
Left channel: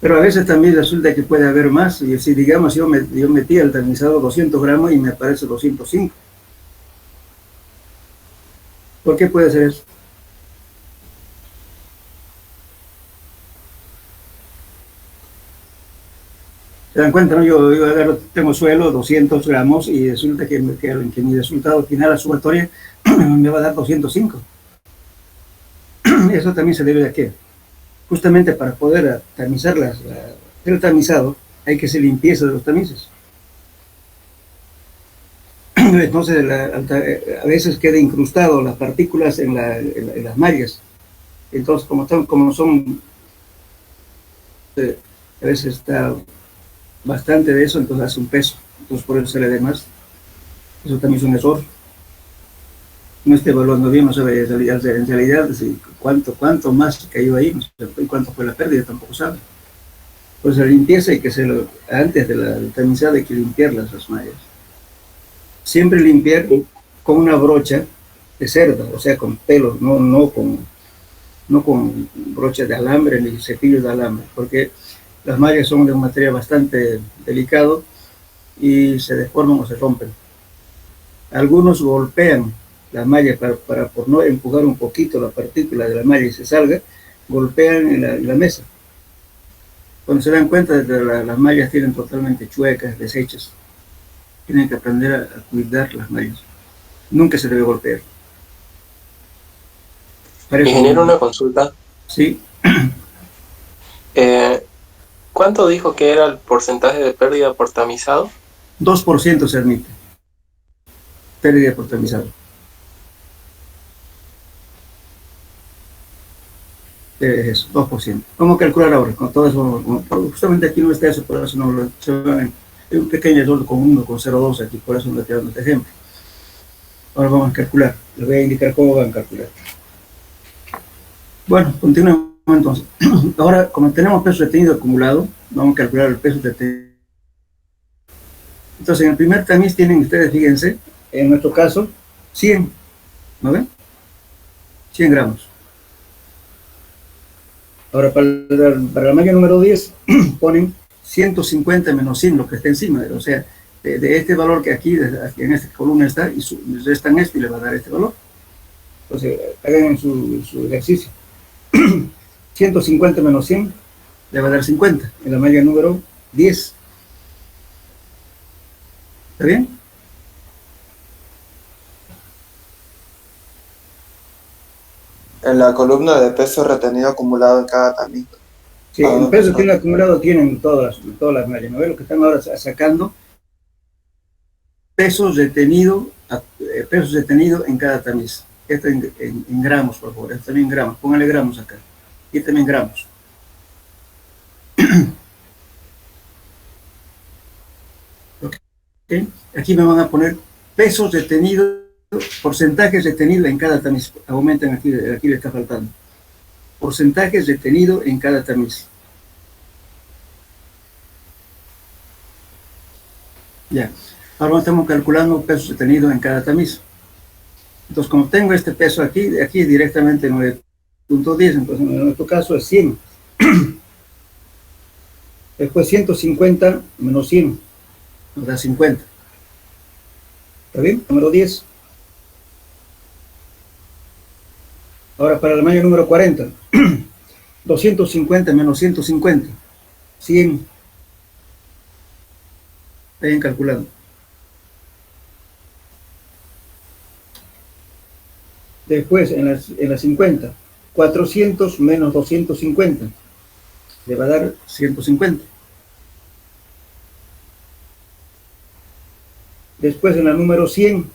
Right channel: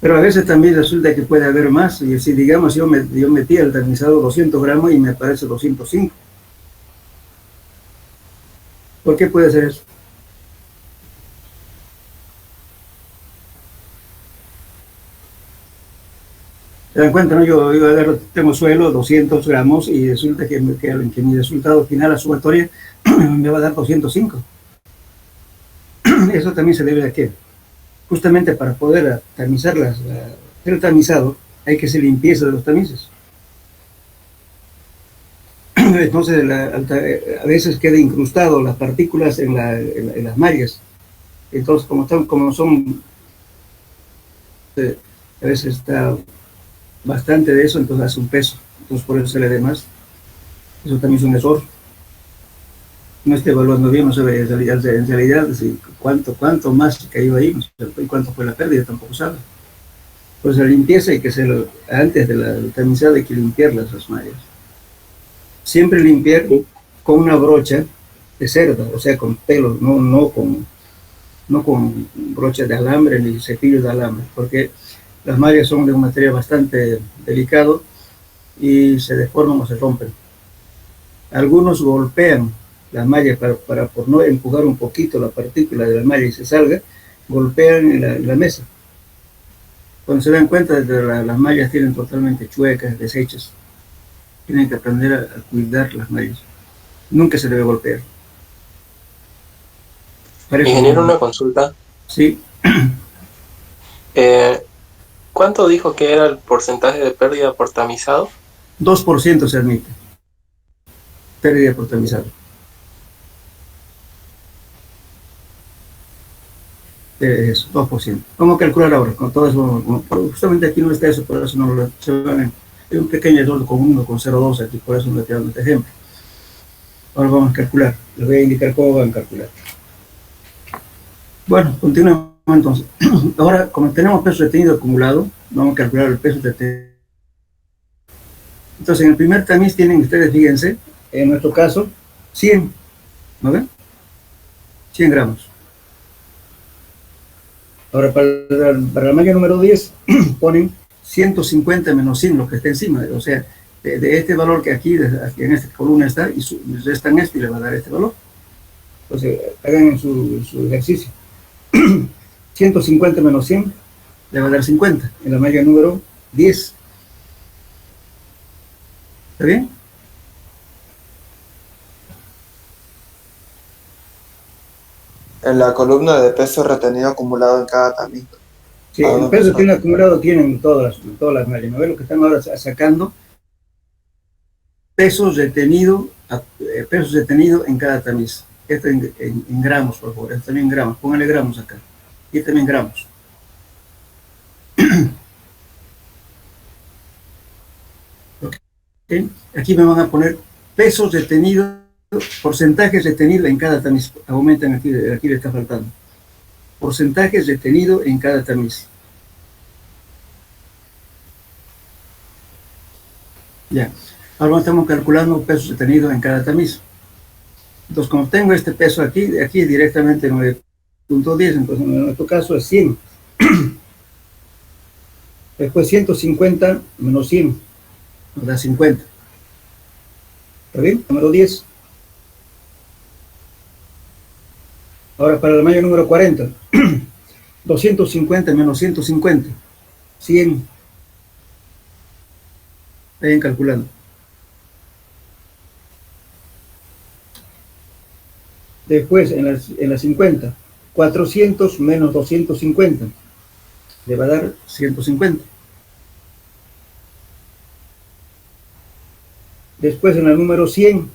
Pero a veces también resulta que puede haber más, y si digamos yo metí al tamizador 200 gramos y me aparece 205. ¿Por qué puede ser eso? ¿Se dan cuenta, no? Yo agarro, tengo suelo 200 gramos y resulta que mi resultado final, la sumatoria, me va a dar 205. Eso también se debe a qué? Justamente para poder tamizar el tamizado, hay que hacer limpieza de los tamices. Entonces, a veces queda incrustado las partículas en las mallas. Entonces, como son, a veces está bastante de eso, entonces hace un peso. Entonces, por eso se le dé más. Eso también es un error. No esté evaluando bien, no sabe en realidad si cuánto más cayó ahí, no sé, y cuánto fue la pérdida, tampoco sabe. Pues la limpieza hay que hacerlo antes del tamizado, hay que limpiar las mallas. Siempre limpiar con una brocha de cerda, o sea, con pelo, no con brochas de alambre ni cepillos de alambre, porque las mallas son de un material bastante delicado y se deforman o se rompen. Algunos golpean la malla por no empujar un poquito la partícula de la malla y se salga, golpean en la mesa. Cuando se dan cuenta de que las mallas tienen totalmente chuecas, deshechas, tienen que aprender a cuidar las mallas. Nunca se debe golpear. Ingeniero, una consulta. Sí. ¿Cuánto dijo que era el porcentaje de pérdida por tamizado? 2% se admite. Pérdida por tamizado. Eso, 2%. ¿Cómo calcular ahora? Con todo eso, justamente aquí no está eso, por eso no lo hay un pequeño error con 1,02 aquí, por eso no le estoy dando este ejemplo. Ahora vamos a calcular. Les voy a indicar cómo van a calcular. Bueno, continuemos entonces. Ahora, como tenemos peso detenido acumulado, vamos a calcular el peso detenido. Entonces, en el primer tamiz tienen ustedes, fíjense, en nuestro caso, 100, ¿no ven? 100 gramos. Ahora, para la malla número 10, ponen 150 menos 100, lo que está encima, o sea, de este valor que aquí en esta columna está, y restan esto y le va a dar este valor. Entonces, hagan su ejercicio. 150 menos 100 le va a dar 50 en la malla número 10. ¿Está bien? En la columna de peso retenido acumulado en cada tamiz. Sí, el peso que tiene acumulado tienen todas las mallas. ¿No ves lo que están ahora sacando? Pesos retenido en cada tamiz. Esto en gramos, por favor. Esto también en gramos. Póngale gramos acá. Y también gramos. ¿Okay? Aquí me van a poner pesos retenidos, porcentajes retenidos en cada tamiz. Aumentan aquí le está faltando. Porcentajes retenidos en cada tamiz. Ya. Ahora estamos calculando pesos retenidos en cada tamiz. Entonces, como tengo este peso aquí directamente 9.10, entonces en nuestro caso es 100. Después 150 menos 100, nos da 50. ¿Está bien? Número 10. Ahora para el mayo número 40. 250 menos 150. 100. Vayan calculando. Después, en la 50, 400 menos 250, le va a dar 150. Después, en la número 100,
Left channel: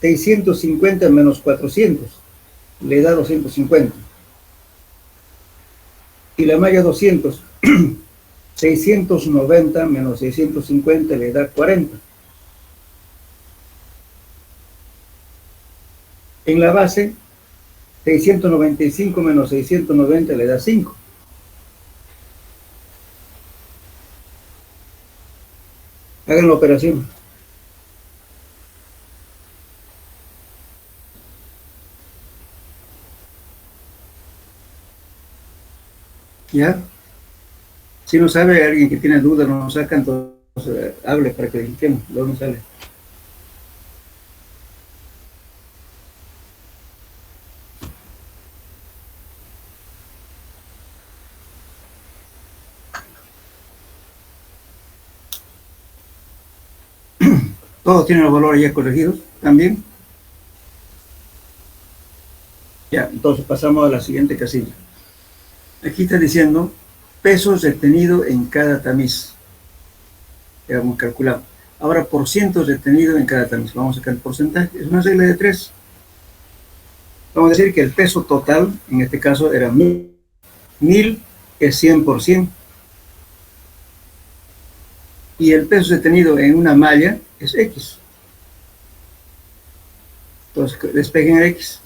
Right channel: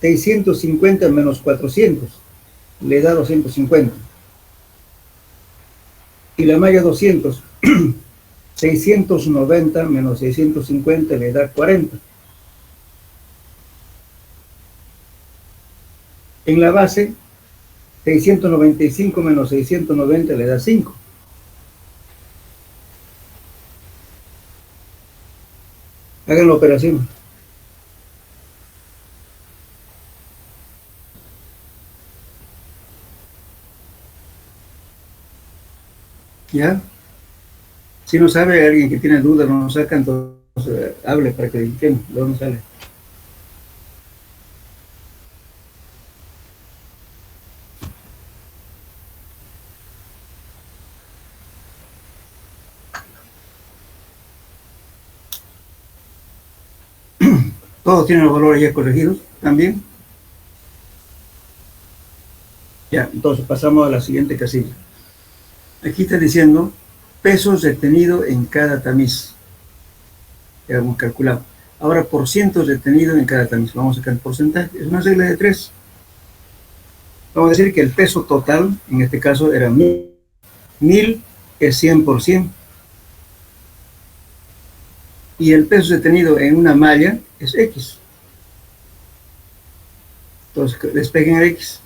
650 menos 400, le da 250. Y la malla 200, 690 menos 650, le da 40. En la base, 695 menos 690 le da 5. Hagan la operación. ¿Ya? Si no sabe, alguien que tiene dudas, no nos saca, entonces hable para que limpiemos, luego no sale. Todos tienen los valores ya corregidos también. Ya, entonces pasamos a la siguiente casilla. Aquí está diciendo pesos retenidos en cada tamiz. Ya hemos calculado. Ahora por cientos retenidos en cada tamiz. Vamos a sacar el porcentaje. Es una regla de 3. Vamos a decir que el peso total, en este caso, era 1000. 1000 es 100%. Y el peso retenido en una malla es X. Entonces, despeguen el X.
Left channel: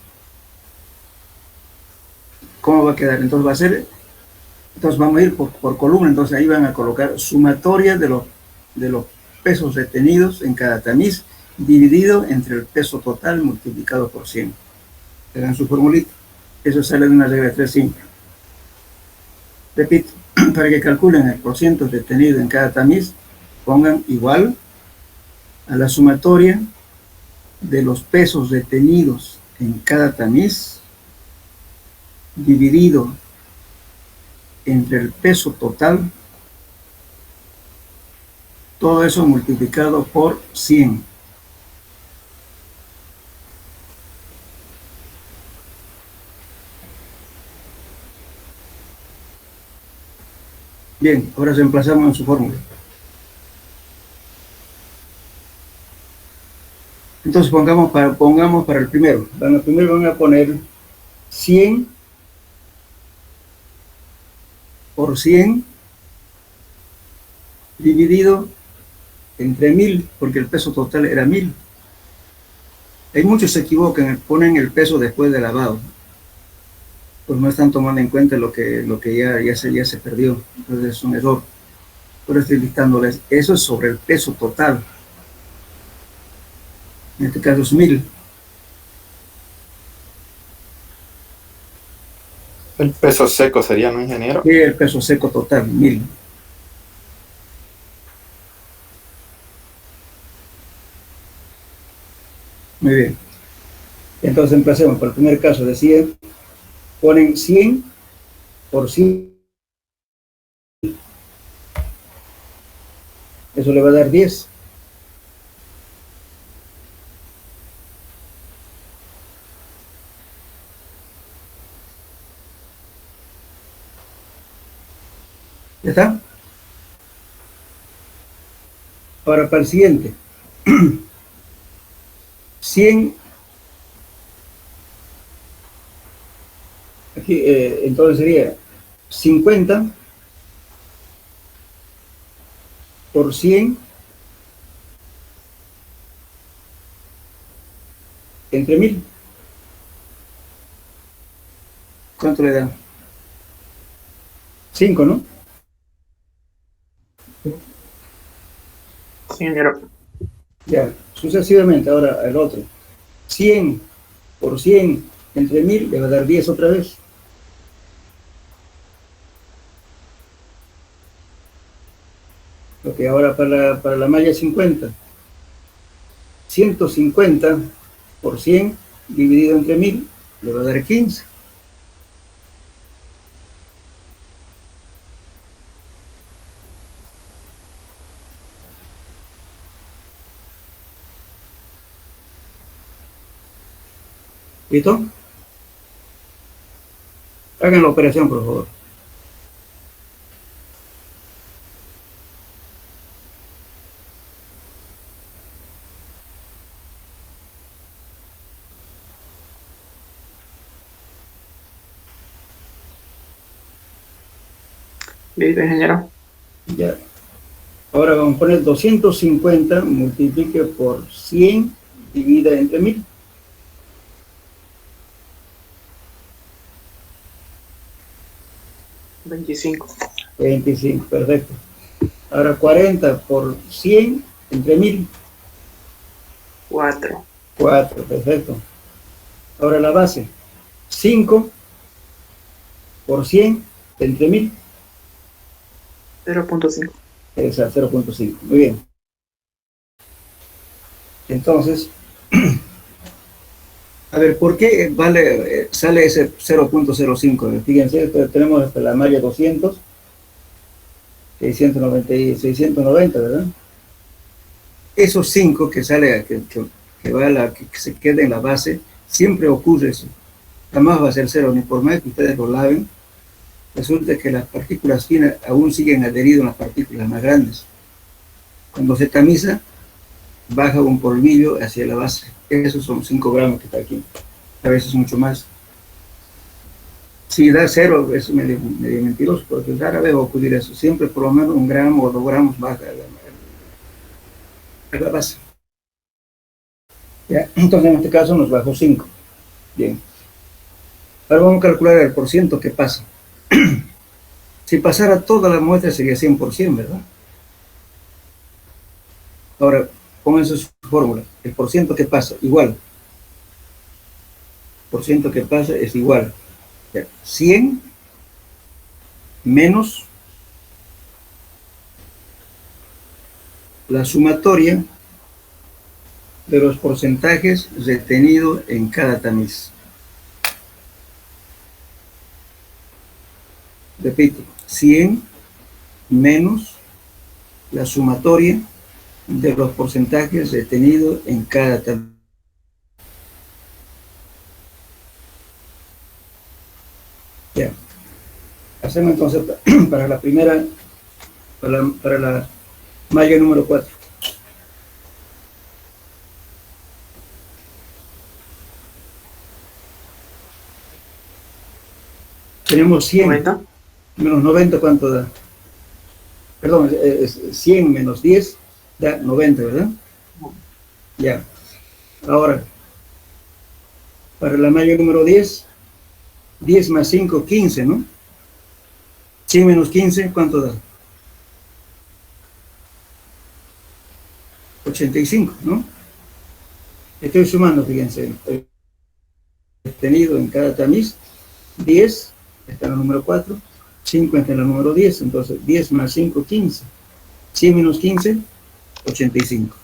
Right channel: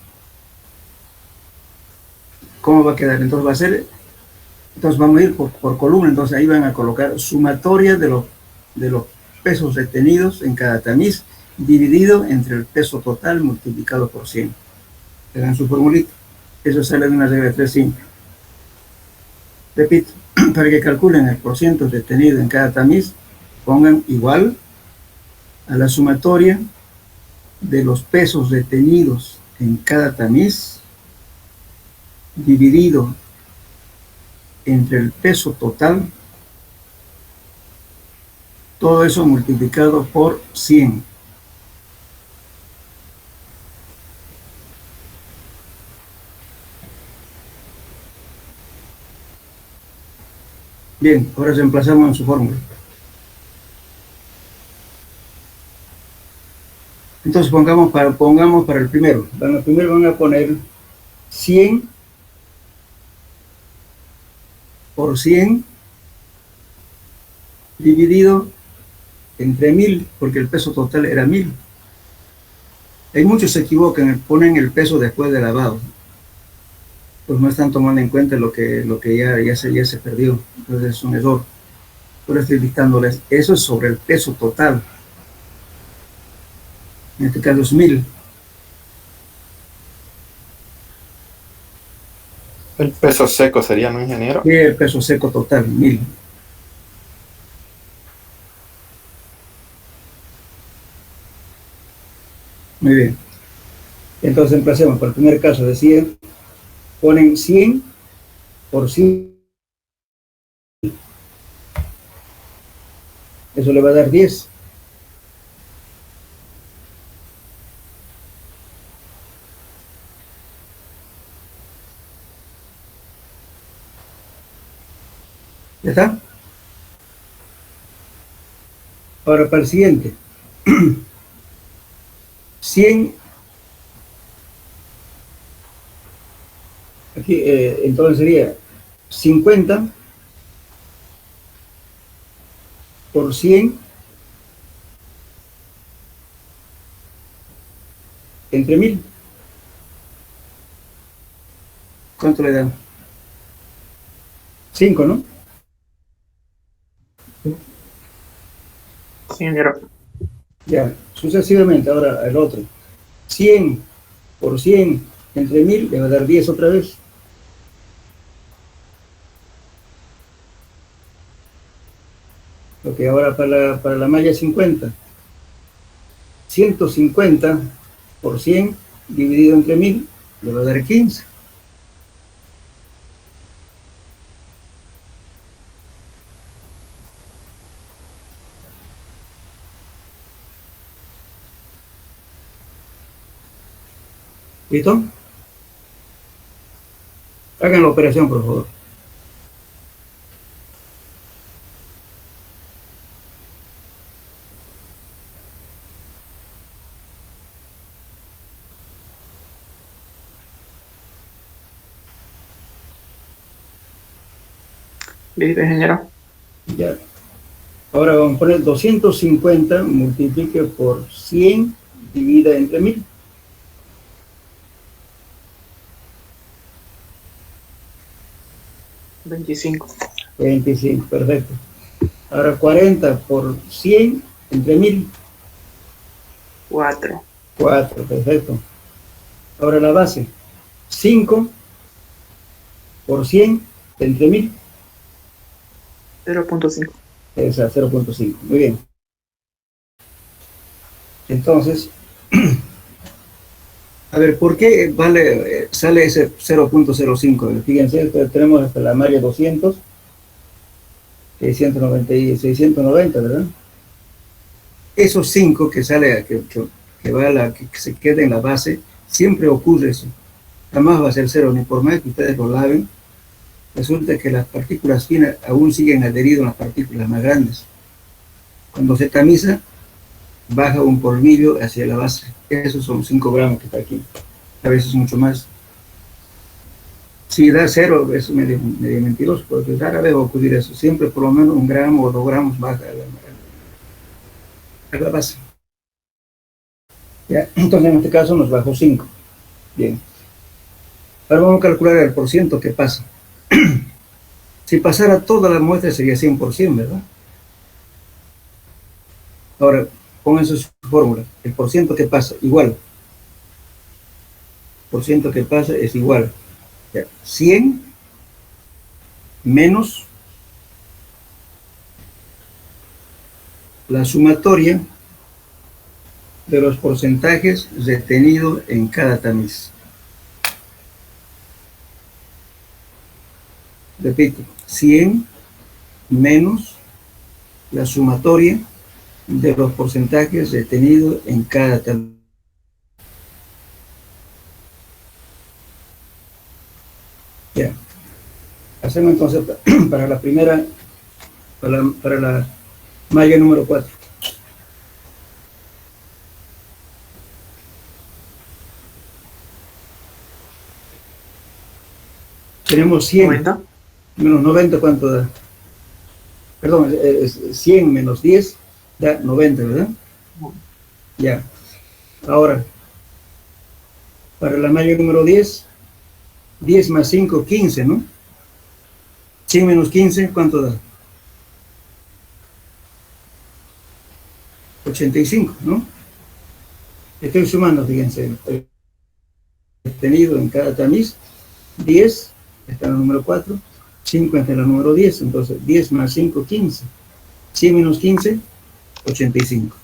¿Cómo va a quedar? Entonces va a ser, entonces vamos a ir por columna, entonces ahí van a colocar sumatoria de los pesos retenidos en cada tamiz, dividido entre el peso total multiplicado por 100. Le dan su formulita. Eso sale de una regla de 3 simple. Repito, para que calculen el porciento retenido en cada tamiz, pongan igual a la sumatoria de los pesos retenidos en cada tamiz dividido entre el peso total, todo eso multiplicado por 100. Bien, ahora reemplazamos en su fórmula. Entonces pongamos para el primero. Para el primero van a poner 100 por 100 dividido entre 1000, porque el peso total era 1000. Hay muchos que se equivocan, ponen el peso después de lavado. Pues no están tomando en cuenta lo que ya se perdió. Entonces es un error. Por eso estoy dictándoles, eso es sobre el peso total. En este caso es 1000. El peso seco sería, ¿no, ingeniero? Y el peso seco total, 1000. Muy bien. Entonces empecemos. Para el primer caso de 100, ponen 100 por 100. Eso le va a dar 10. ¿Ya está? Ahora para el siguiente. 100. Aquí, entonces sería 50 por 100 entre 1000. ¿Cuánto le da? 5, ¿no? Sí, señor. Ya, sucesivamente. Ahora el otro. 100 por 100 entre 1000 le va a dar 10 otra vez. Ok, ahora para la malla 50. 150 por 100 dividido entre 1000 le va a dar 15. ¿Listo? Hagan la operación, por favor. Listo, ingeniero. Ya. Ahora vamos a poner 250 multiplique por 100 divida entre 1000. $25. 25, perfecto. Ahora 40 por 100 entre 1000. 4. 4, perfecto. Ahora la base. 5 por 100 entre 1000. 0.5. Esa, 0.5. Muy bien. Entonces, a ver, ¿por qué sale ese 0.05? Fíjense, tenemos la malla 200, 690, 690, ¿verdad? Esos 5 que sale, que se queda en la base, siempre ocurre eso. Jamás va a ser 0, ni por más que ustedes lo laven. Resulta que las partículas finas aún siguen adheridas a las partículas más grandes. Cuando se tamiza, baja un polvillo hacia la base. Esos son 5 gramos que está aquí. A veces mucho más. Si da 0, es medio mentiroso, porque rara vez va a ocurrir eso. Siempre por lo menos 1 gramo o 2 gramos baja a la base. ¿Ya? Entonces en este caso nos bajó 5. Bien. Ahora vamos a calcular el porciento que pasa. Si pasara toda la muestra sería 100%, ¿verdad? Ahora, pongan su fórmula. El porciento que pasa, igual. El porciento que pasa es igual. 100 menos la sumatoria de los porcentajes retenidos en cada tamiz. Repito, 100 menos la sumatoria de los porcentajes retenidos en cada tamiz. Ya. Hacemos entonces para la primera, para la malla número 4. Tenemos 100 90. menos 90, ¿cuánto da? Perdón, 100 menos 10 da 90, ¿verdad? Ya. Ahora, para la malla número 10, 10 más 5, 15, ¿no? 100 menos 15, ¿cuánto da? 85, ¿no? Estoy sumando, fíjense, tenido en cada tamiz, 10, está en el número 4, 5 está en el número 10, entonces 10 más 5, 15. 100 menos 15, 85.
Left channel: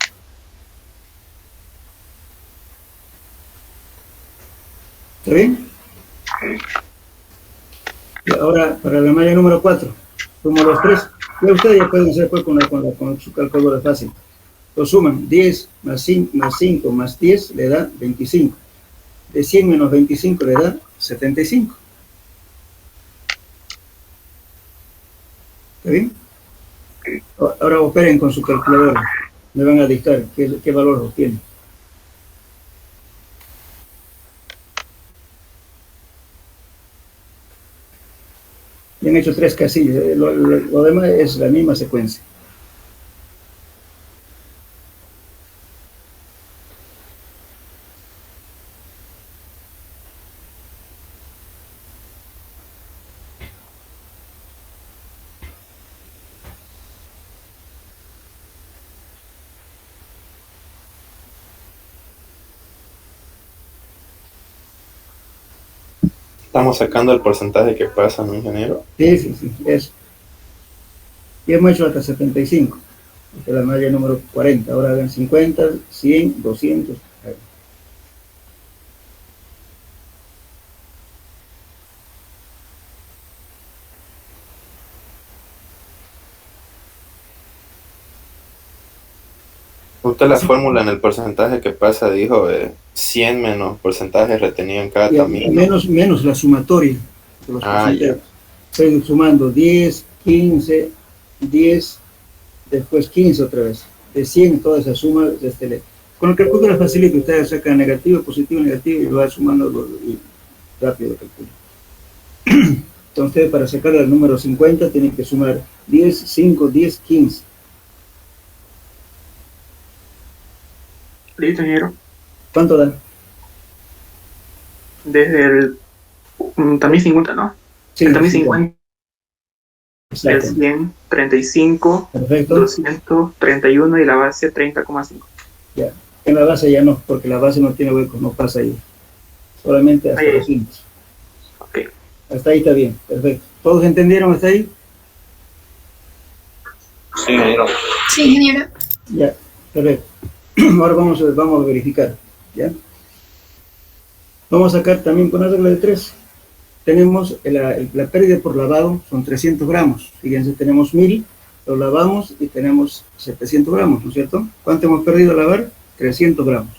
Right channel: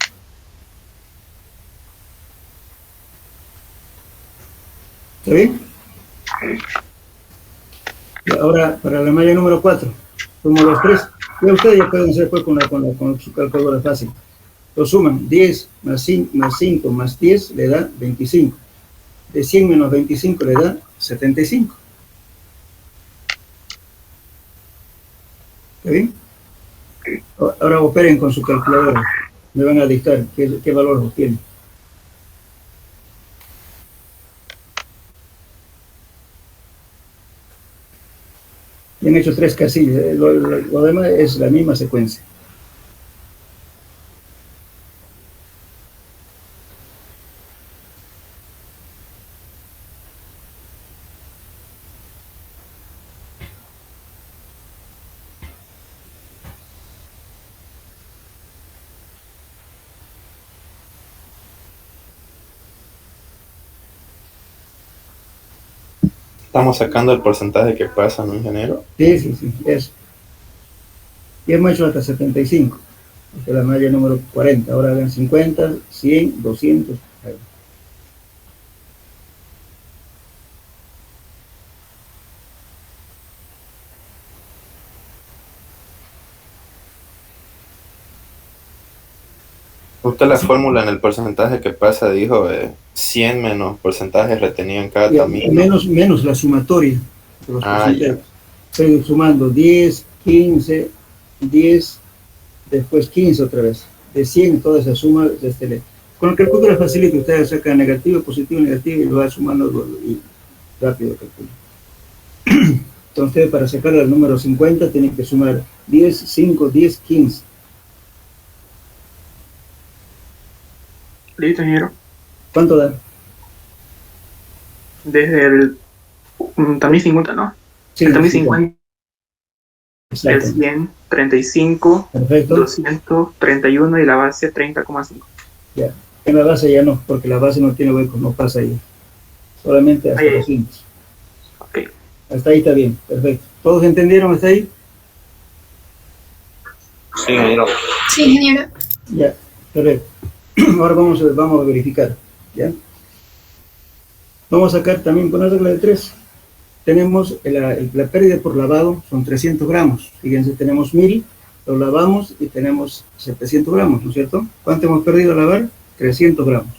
¿Está bien? Y ahora, para la malla número 4, sumo los 3. Ya ustedes ya pueden hacer pues con su calculadora fácil. Lo suman, 10 más 5 más 10 le da 25. De 100 menos 25 le da 75. ¿Está bien? Ahora operen con su calculadora. Me van a dictar qué valor obtienen. Y han hecho 3 casillas. Lo demás es la misma secuencia. Estamos sacando el porcentaje que pasa, ¿no, ingeniero? Sí, eso. Y hemos hecho hasta 75. Esta es la malla número 40. Ahora hagan 50, 100, 200. Usted la fórmula en el porcentaje que pasa dijo 100 menos porcentaje retenido en cada camino. Menos la sumatoria de los porcentajes. Estoy sumando 10, 15, 10, después 15 otra vez. De 100 toda esa suma con el calculador es facilito. Usted saca negativo, positivo, negativo y lo va sumando y rápido calcula. Entonces, para sacar el número 50 tienen que sumar 10, 5, 10, 15. Listo, ingeniero. ¿Cuánto da? Desde el también 50, ¿no? Sí, el también 50, el exacto. 100, 35, Perfecto. 200, 31 y la base 30,5. Ya. En la base ya no, porque la base no tiene hueco, no pasa ahí. Solamente hasta 200. Ok. Hasta ahí está bien, perfecto. ¿Todos entendieron hasta ahí? Sí, ingeniero. Sí, ingeniero. Ya, perfecto. Ahora vamos a verificar, ¿ya? Vamos a sacar también con la regla de 3. Tenemos la pérdida por lavado, son 300 gramos. Fíjense, tenemos 1000, lo lavamos y tenemos 700 gramos, ¿no es cierto? ¿Cuánto hemos perdido al lavar? 300 gramos.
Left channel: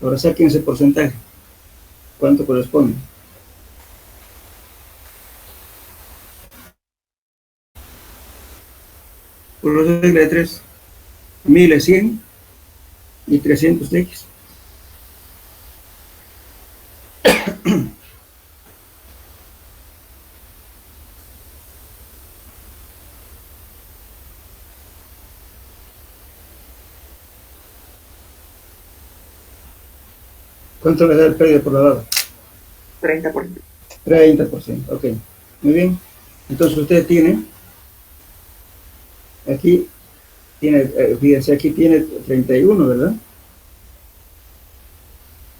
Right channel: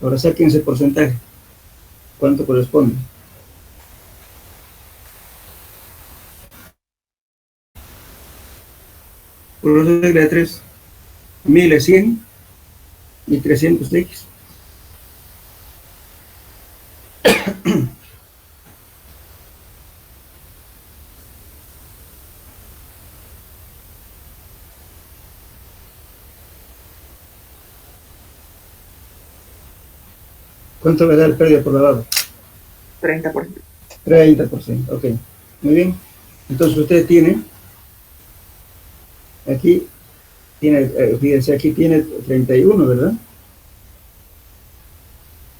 Ahora saquen ese porcentaje. ¿Cuánto corresponde? Por la regla de 3. 1000 es 100 y 300 X. ¿Cuánto le da el pérdida por lavado? 30%. 30%, ok. Muy bien. Entonces usted tiene, aquí, fíjense, aquí tiene 31, ¿verdad?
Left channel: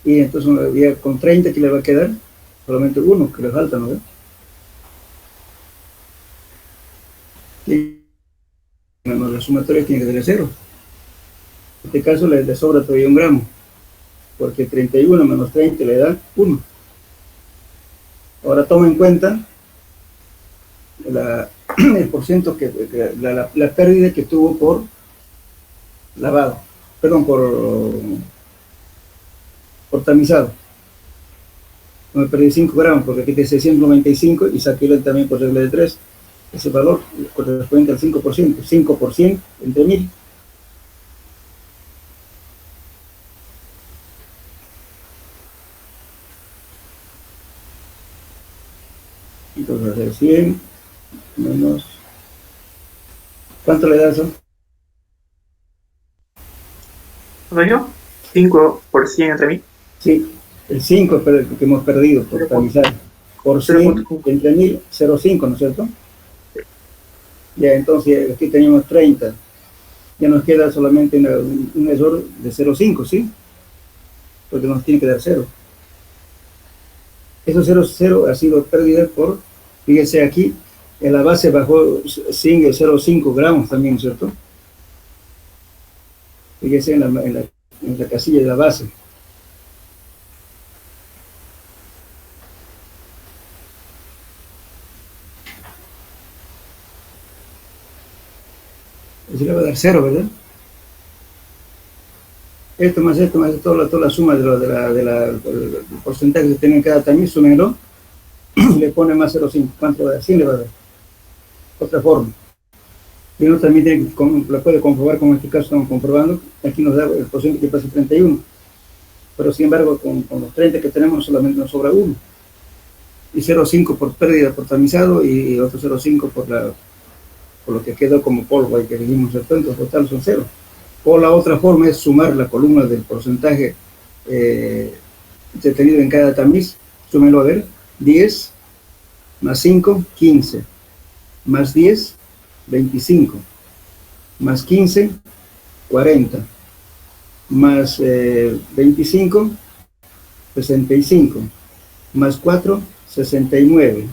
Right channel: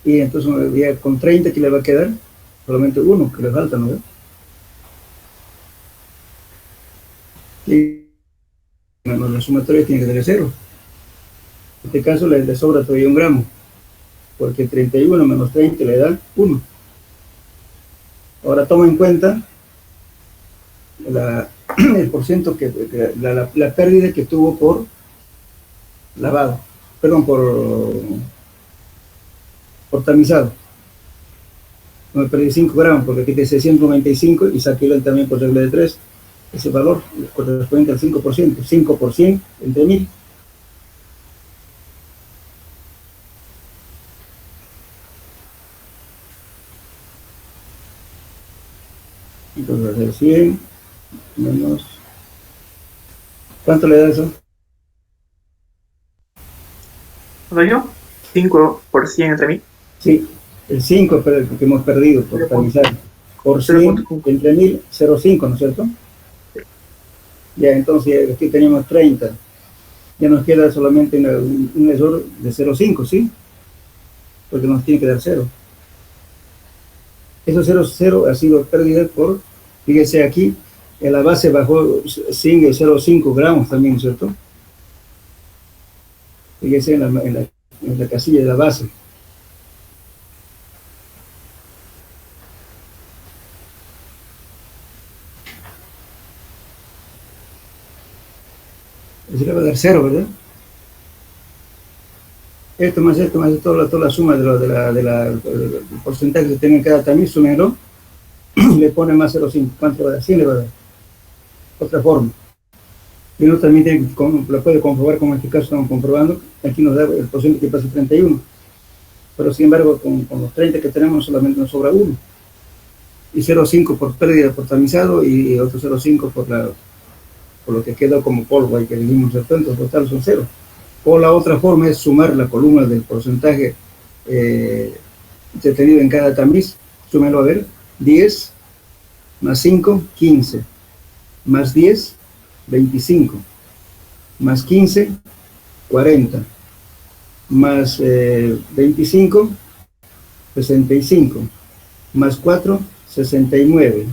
Y entonces ya con 30, ¿qué le va a quedar? Solamente 1 que le falta, ¿no? Y bueno, la sumatoria tiene que ser 0. En este caso le sobra todavía 1 gramo, porque 31 menos 30 le da 1. Ahora toma en cuenta el porcentaje la pérdida que tuvo por lavado, perdón, por tamizado. Me perdí 5 gramos porque aquí dice 195 y saqué también por regla de 3. Ese valor corresponde al 5%. 5% entre 1000. Entonces va a ser 100 menos... ¿Cuánto le da eso? ¿Lo dijo? 5% entre mí. Sí, el 5 es el que hemos perdido por tamizar. Por 100 entre 1000, 0,5, ¿no es cierto? Ya, entonces aquí teníamos 30. Ya nos queda solamente un error de 0,5, ¿sí? Porque nos tiene que dar 0. Eso 0,0 ha sido pérdida por, fíjese aquí, en la base bajó 0,5 gramos también, ¿cierto? Fíjese en la casilla de la base. Eso le va a dar 0, ¿verdad? Esto más toda la suma del porcentaje que tenga en cada tamiz, súmenlo, le pone más 0,5. ¿Cuánto va a dar? 100 le va a dar. otra forma. Y uno también la puede comprobar, como en este caso estamos comprobando. Aquí nos da el porcentaje que pasa 31. Pero sin embargo, con los 30 que tenemos solamente nos sobra uno. Y 0,5 por pérdida por tamizado y otro 0,5 por lo que quedó como polvo ahí que dijimos, entonces total son 0. O la otra forma es sumar la columna del porcentaje detenido en cada tamiz. Súmenlo a ver, 10 más 5, 15, más 10, 25, más 15, 40, más 25, 65, más 4, 69,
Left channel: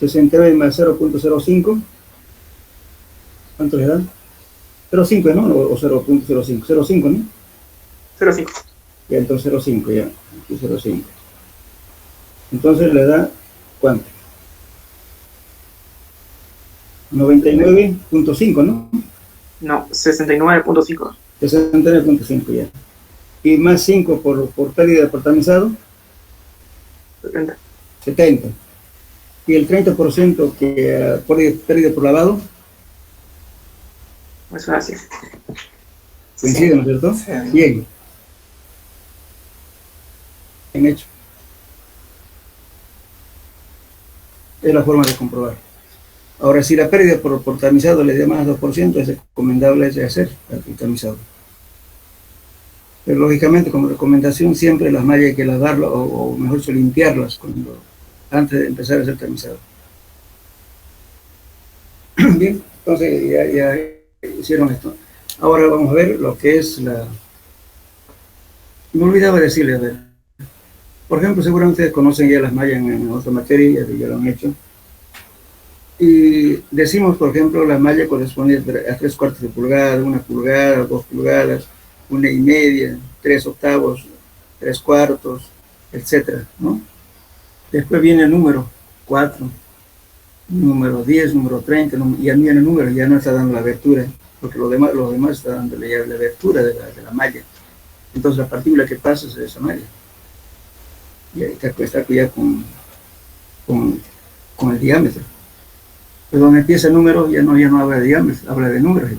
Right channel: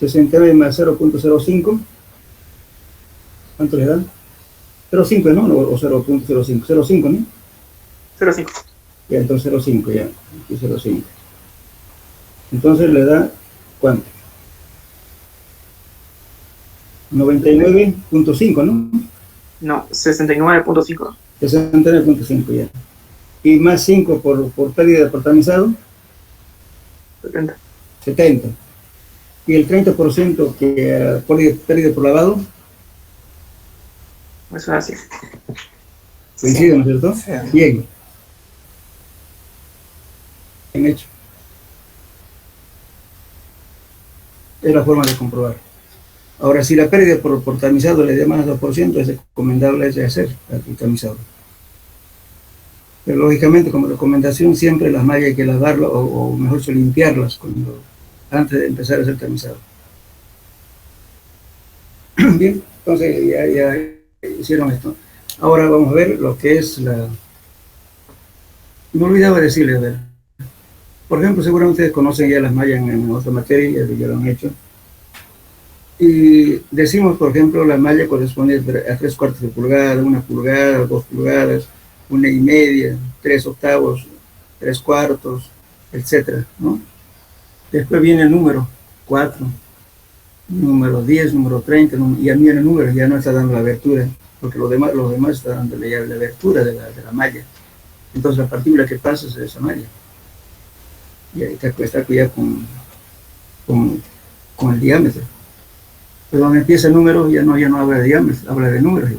69 más 0.05, ¿cuánto le dan? 0.5, ¿no? O 0.05, 0.5, ¿no? 0,5. Ya, entonces 0.5, ya, aquí 0.5. Entonces le da, ¿cuánto? 99.5, ¿no? No, 69.5. 69.5 ya. Y más 5 por pérdida por tamizado, 70. 70. Y el 30% que pérdida por lavado, Eso es así. coincide, ¿no es cierto? Sí. Bien. Bien hecho. Es la forma de comprobar. Ahora, si la pérdida por tamizado le da más 2%, es recomendable hacer el tamizado. Pero lógicamente, como recomendación, siempre las mallas hay que lavarlas o mejor dicho, limpiarlas antes de empezar a hacer tamizado. Bien, entonces ya hicieron esto. Ahora vamos a ver lo que es Me olvidaba decirles, a ver. Por ejemplo, seguramente ustedes conocen ya las mallas en otra materia, ya lo han hecho. Y decimos, por ejemplo, la malla corresponde a 3/4 de pulgada, 1 pulgada, 2 pulgadas, 1,5, 3 octavos, 3/4, etcétera, ¿no? Después viene el número 4, número 10, número 30, y a mí el número ya no está dando la abertura, porque los demás están dando la abertura de la malla. Entonces la partícula que pasa es esa malla. Y ahí está ya con el diámetro. Pero donde empieza el número ya no habla de diámetro, habla de números.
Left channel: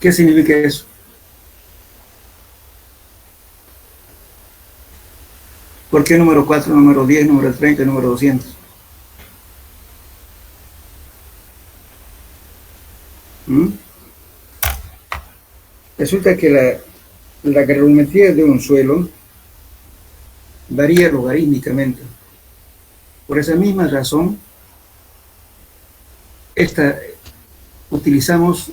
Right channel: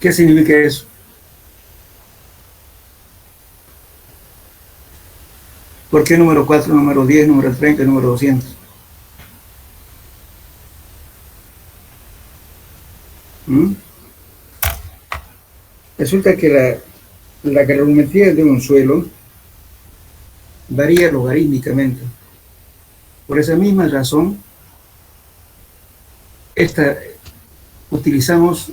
¿Qué significa eso? ¿Por qué número 4, número 10, número 30, número 200? Resulta que la granulometría de un suelo varía logarítmicamente. Por esa misma razón, utilizamos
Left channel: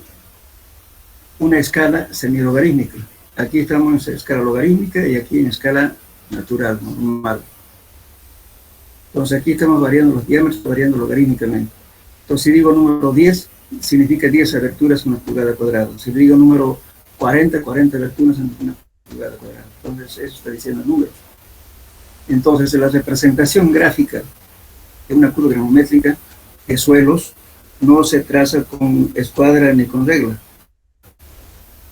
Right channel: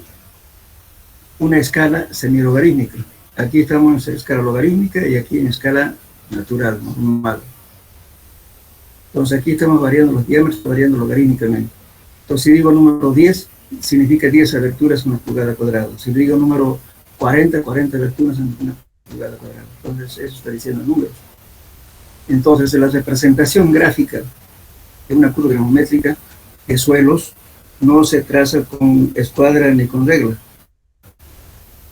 una escala semilogarítmica. Aquí estamos en escala logarítmica y aquí en escala natural, normal. Entonces aquí estamos variando los diámetros, variando logarítmicamente. Entonces si digo número 10, significa 10 aberturas en una pulgada cuadrada. Si digo número 40 aberturas en una pulgada cuadrada. Entonces eso está diciendo números. Entonces la representación gráfica de una curva granulométrica de suelos no se traza con escuadra ni con regla.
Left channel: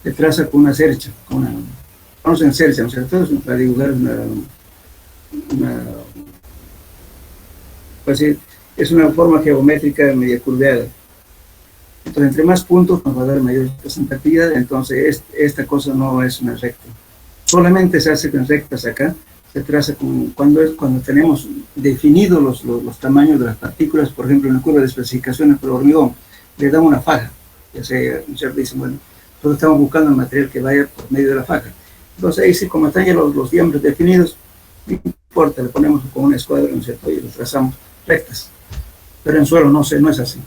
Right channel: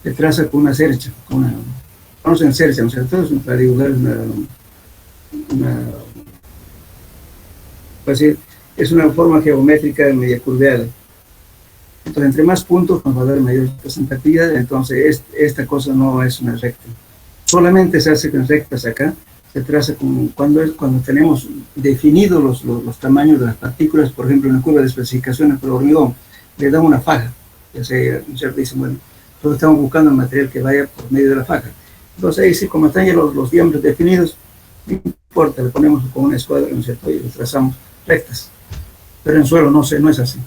Se traza con una cercha, conocen cercha, ¿no es cierto? Para dibujar pues es una forma geométrica media curveada. Entonces, entre más puntos nos va a dar mayor representatividad. Entonces, esta cosa no es una recta. Solamente se hace con rectas acá. Se traza cuando tenemos definidos los tamaños de las partículas. Por ejemplo, en una curva de especificaciones por hormigón, le damos una faja. Ya sea, dicen, bueno, entonces estamos buscando el material que vaya por medio de la faja. Entonces, ahí sí, como están ya los diámetros definidos, no importa, le ponemos con una escuadra, ¿no es cierto? Y lo trazamos rectas. Pero en suelo no es así.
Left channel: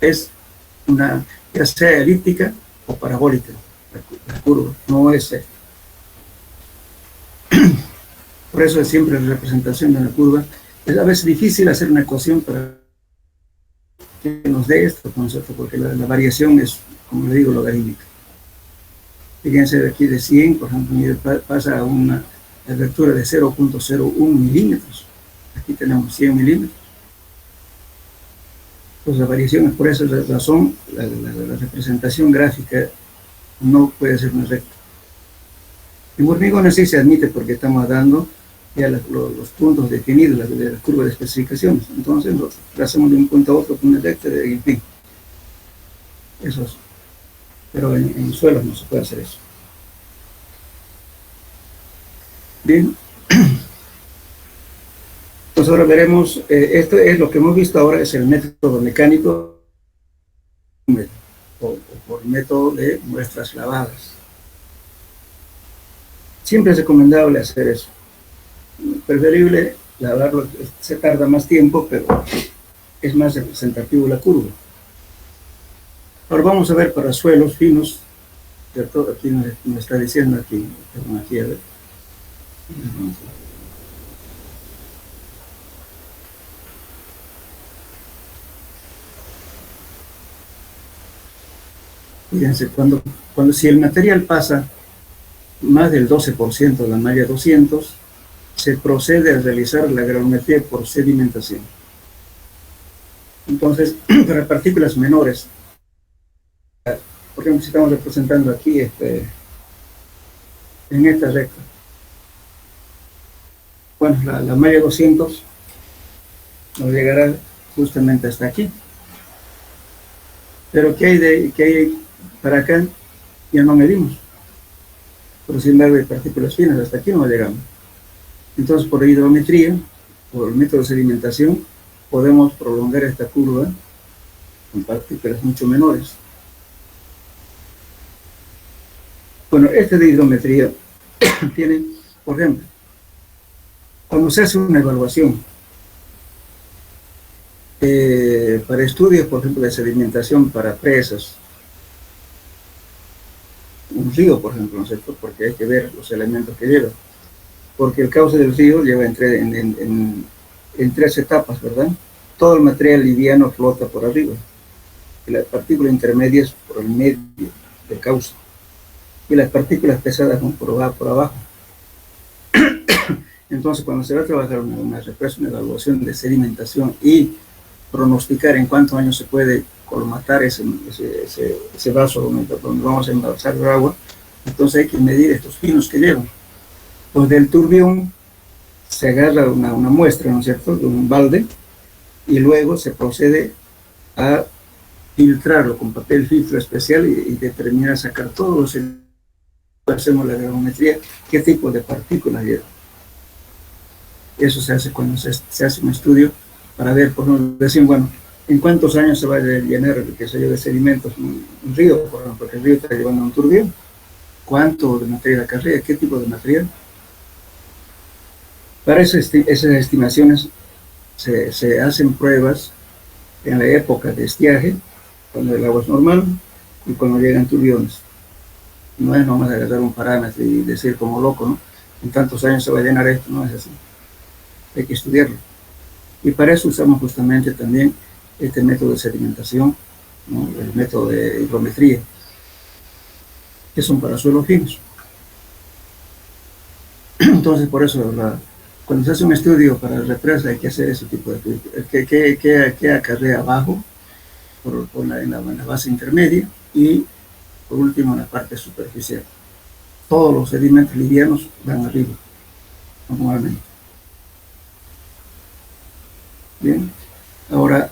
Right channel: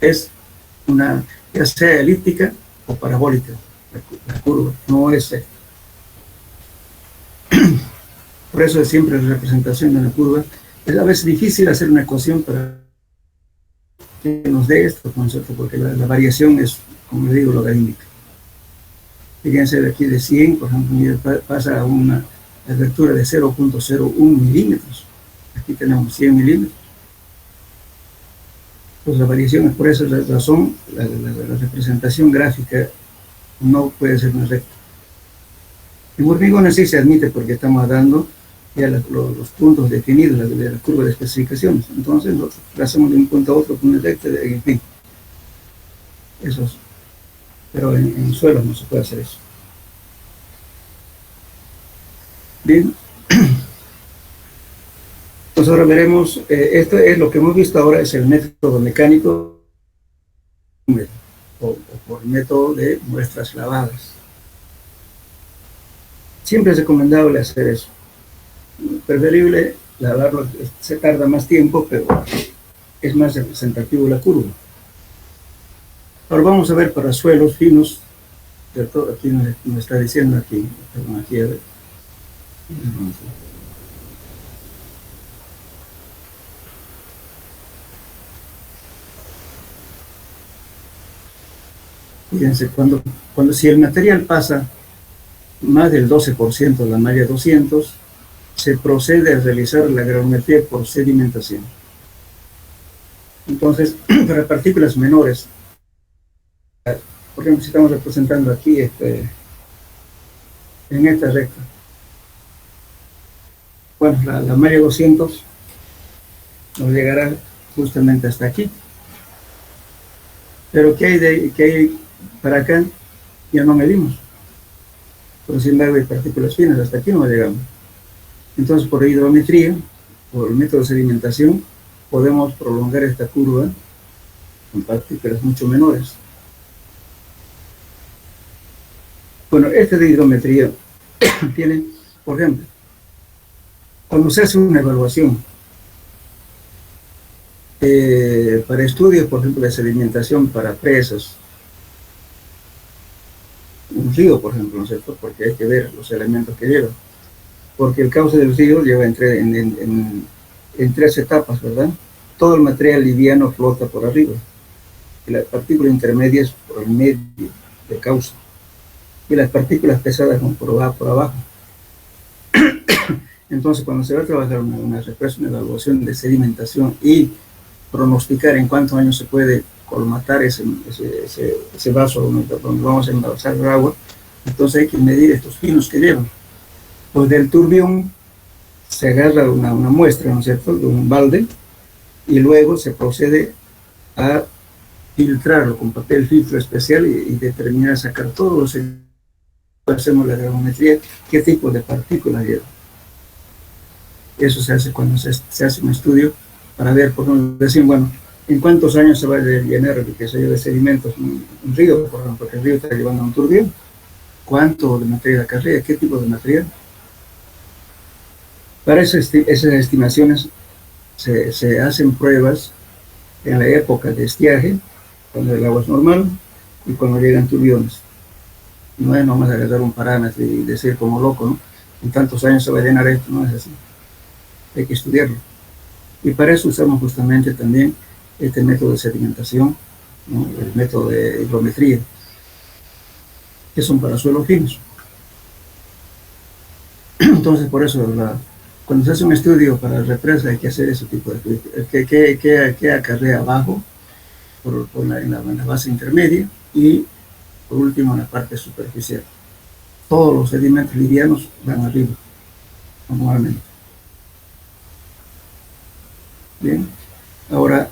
Es ya sea elíptica o parabólica, la curva, no es recta. Por eso es siempre la representación de una curva. Es a veces difícil hacer una ecuación para que nos dé esto, concepto, porque la variación es, como le digo, logarítmica. Fíjense de aquí de 100, por ejemplo, pasa a una abertura de 0.01 milímetros. Aquí tenemos 100 milímetros. Pues la variación es por esa razón, la representación gráfica no puede ser una recta. En hormigones sí se admite porque estamos dando ya los puntos definidos de la curva de especificaciones. Entonces, nosotros hacemos de un punto a otro con un recto, en fin. Eso es. Pero en suelos no se puede hacer eso. Bien. Entonces ahora veremos, esto es lo que hemos visto ahora, es el método mecánico o por método de muestras lavadas. Siempre es recomendable hacer eso. Preferible lavarlo, se tarda más tiempo, pero es más representativo la curva. Ahora vamos a ver para suelos finos, ¿cierto? Aquí nos está diciendo, aquí, perdón, aquí a ver. Fíjense, si el material pasa más del 12% de la malla 200, se procede a realizar la granulometría por sedimentación. Entonces, para partículas menores, por ejemplo, si estamos representando aquí en esta recta, bueno, la malla 200 nos llegará justamente hasta aquí. Pero ¿qué hay para acá? Ya no medimos. Pero sin embargo hay partículas finas, hasta aquí no llegamos. Entonces, por hidrometría, por el método de sedimentación, podemos prolongar esta curva con partículas mucho menores. Bueno, este de hidrometría tiene, por ejemplo, cuando se hace una evaluación para estudios, por ejemplo, de sedimentación para presas, un río, por ejemplo, ¿no es cierto? Porque hay que ver los elementos que lleva. Porque el cauce del río lleva en 3 etapas, ¿verdad? Todo el material liviano flota por arriba, y las partículas intermedias por el medio del cauce, y las partículas pesadas van por abajo. Entonces, cuando se va a trabajar una evaluación de sedimentación y pronosticar en cuántos años se puede colmatar ese vaso donde vamos a embalsar el agua, entonces hay que medir estos finos que llevan. Pues del turbión se agarra una muestra, ¿no es cierto?, de un balde, y luego se procede a filtrarlo con papel filtro especial y determinar, sacar todos los... Hacemos la granulometría, qué tipo de partículas lleva. Eso se hace cuando se hace un estudio para ver, por ejemplo, decir, bueno, en cuántos años se va a llenar, qué sé yo, de sedimentos un río, por ejemplo, porque el río está llevando un turbión. ¿Cuánto de material acarrea? ¿Qué tipo de material? Para esas estimaciones se hacen pruebas en la época de estiaje, cuando el agua es normal, y cuando llegan turbiones. No es nomás agarrar un parámetro y decir como loco, ¿no? En tantos años se va a llenar esto, no es así. Hay que estudiarlo. Y para eso usamos justamente también este método de sedimentación, ¿no? El método de hidrometría, que son para suelos finos. Entonces, por eso, cuando se hace un estudio para represa, hay que hacer ese tipo de estudios. ¿Qué acarrea abajo, en la base intermedia, y por último en la parte superficial? Todos los sedimentos livianos van arriba, normalmente. Bien, ahora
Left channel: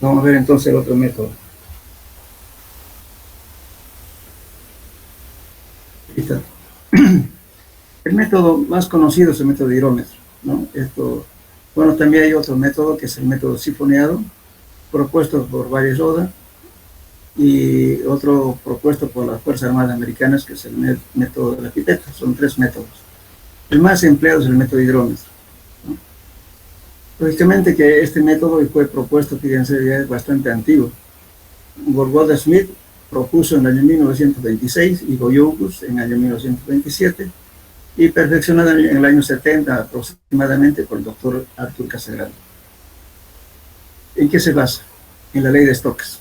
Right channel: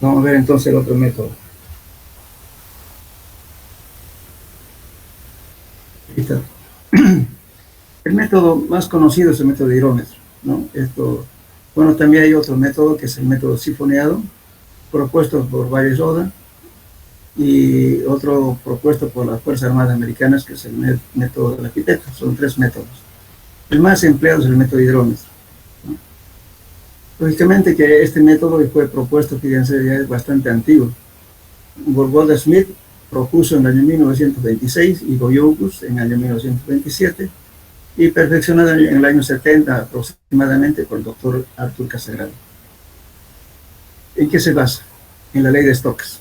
vamos a ver entonces el otro método. Aquí está. El método más conocido es el método de hidrómetro, ¿no? Bueno, también hay otro método que es el método sifoneado, propuesto por Valle-Roda, y otro propuesto por las Fuerzas Armadas Americanas, que es el método de la pipeta. Son 3 métodos. El más empleado es el método de hidrómetro, ¿no? Lógicamente que este método fue propuesto, fíjense, ya es bastante antiguo. Goldwasser-Smith propuso en el año 1926 y Goyoucus en el año 1927, y perfeccionado en el año 70 aproximadamente por el doctor Arthur Casagrande. ¿En qué se basa? En la ley de Stokes.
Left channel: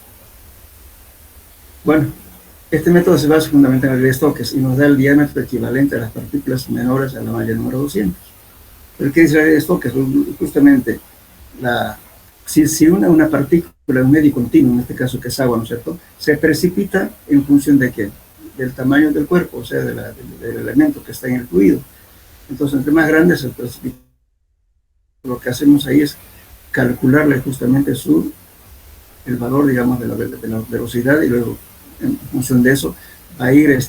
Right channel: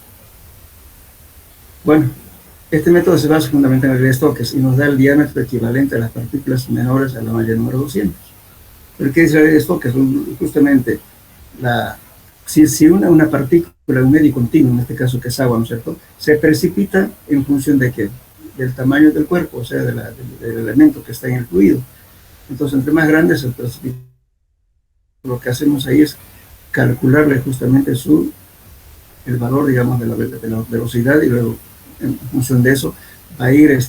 Bueno, este método se basa fundamentalmente en la ley de Stokes y nos da el diámetro equivalente a las partículas menores a la malla número 200. ¿Pero qué dice la ley de Stokes? Justamente, si una partícula en un medio continuo, en este caso que es agua, ¿no es cierto?, se precipita en función de qué? Del tamaño del cuerpo, o sea, del elemento que está en el fluido. Entonces, entre más grande es el precipitado, lo que hacemos ahí es calcularle justamente el valor, digamos, de la velocidad, y luego, en función de eso, va a ir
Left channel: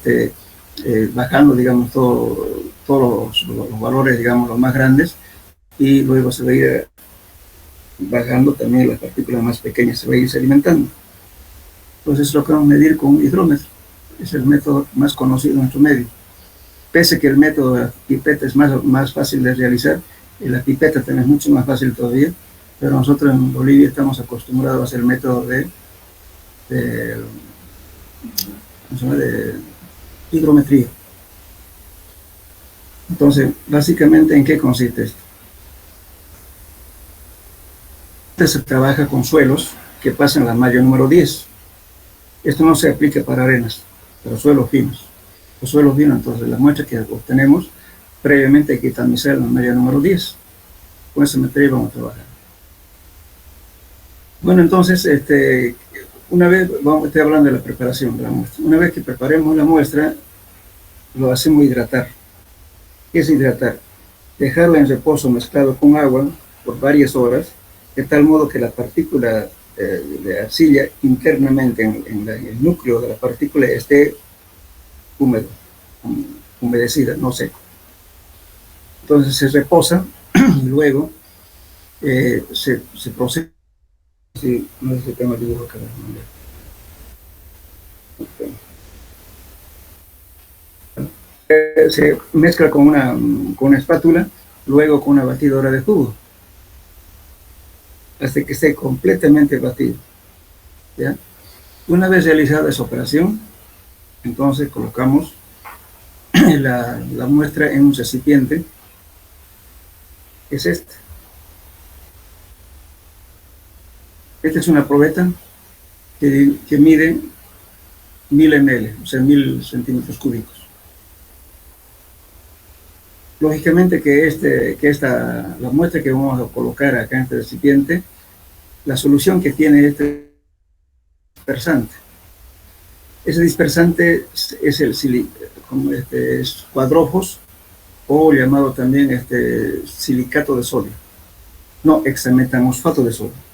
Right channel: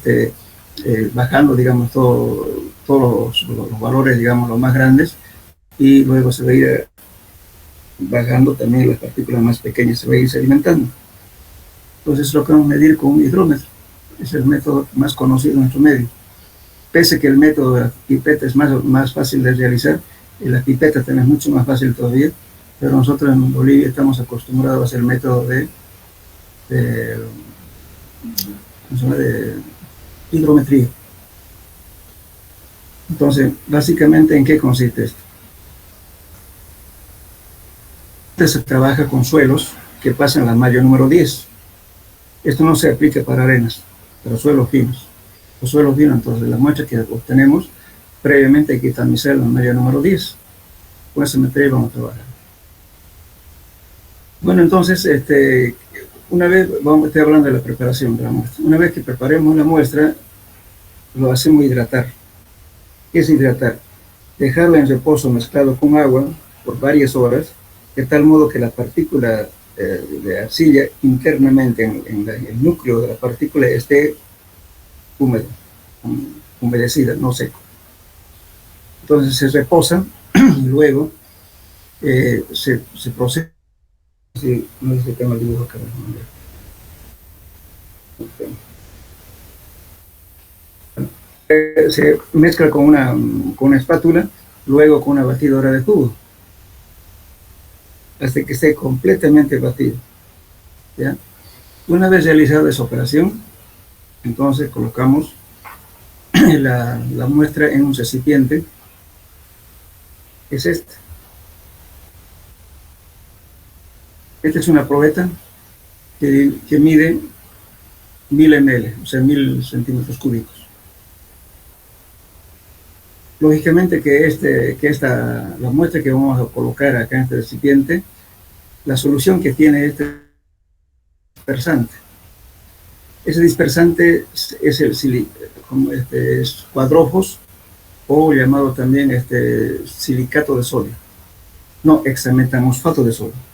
bajando, digamos, todos los valores, digamos, los más grandes, y luego se va a ir bajando también las partículas más pequeñas, se va a ir sedimentando. Entonces, es lo que vamos a medir con un hidrómetro. Es el método más conocido en nuestro medio. Pese que el método de la pipeta es más fácil de realizar, y la pipeta también es mucho más fácil todavía, pero nosotros en Bolivia estamos acostumbrados a hacer el método de hidrometría. Entonces, básicamente, ¿en qué consiste esto? Se trabaja con suelos que pasan la malla número 10. Esto no se aplica para arenas, para suelos finos. Los suelos finos, entonces, las muestras que obtenemos, previamente hay que tamizar la malla número 10. Con ese material vamos a trabajar. Bueno, entonces, una vez, estoy hablando de la preparación de la muestra. Una vez que preparemos la muestra, lo hacemos hidratar. ¿Qué es hidratar? Dejarla en reposo mezclado con agua por varias horas, de tal modo que la partícula de arcilla internamente en el núcleo de la partícula esté húmedo, humedecida, no seco. Entonces se reposa y luego se procesa. Sí, no sé si tengo el dibujo acá. Se mezcla con una espátula, luego con una batidora de jugo, hasta que esté completamente batido, ¿ya? Una vez realizada esa operación, entonces colocamos la muestra en un recipiente, que es este. Esta es una probeta que mide 1000 ml, o sea, 1000 centímetros cúbicos. Lógicamente que la muestra que vamos a colocar acá en este recipiente, la solución que tiene este dispersante. Ese dispersante es es cuadrofos, o llamado también silicato de sodio. No, hexametamosfato de sodio.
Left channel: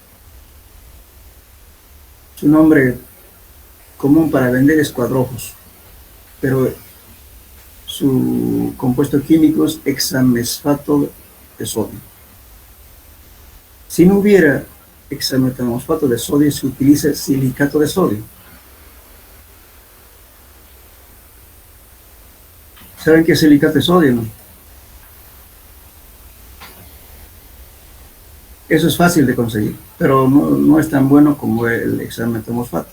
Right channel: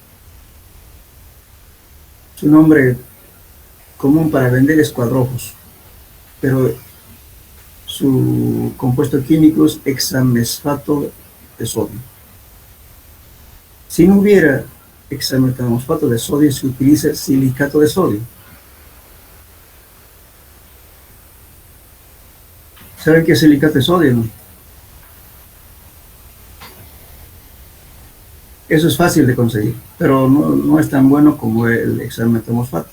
Su nombre común para vender es cuadrofos, pero su compuesto químico es hexamesfato de sodio. Si no hubiera hexametamosfato de sodio, se utiliza silicato de sodio. ¿Saben qué es silicato de sodio, no? Eso es fácil de conseguir, pero no es tan bueno como el hexametamosfato.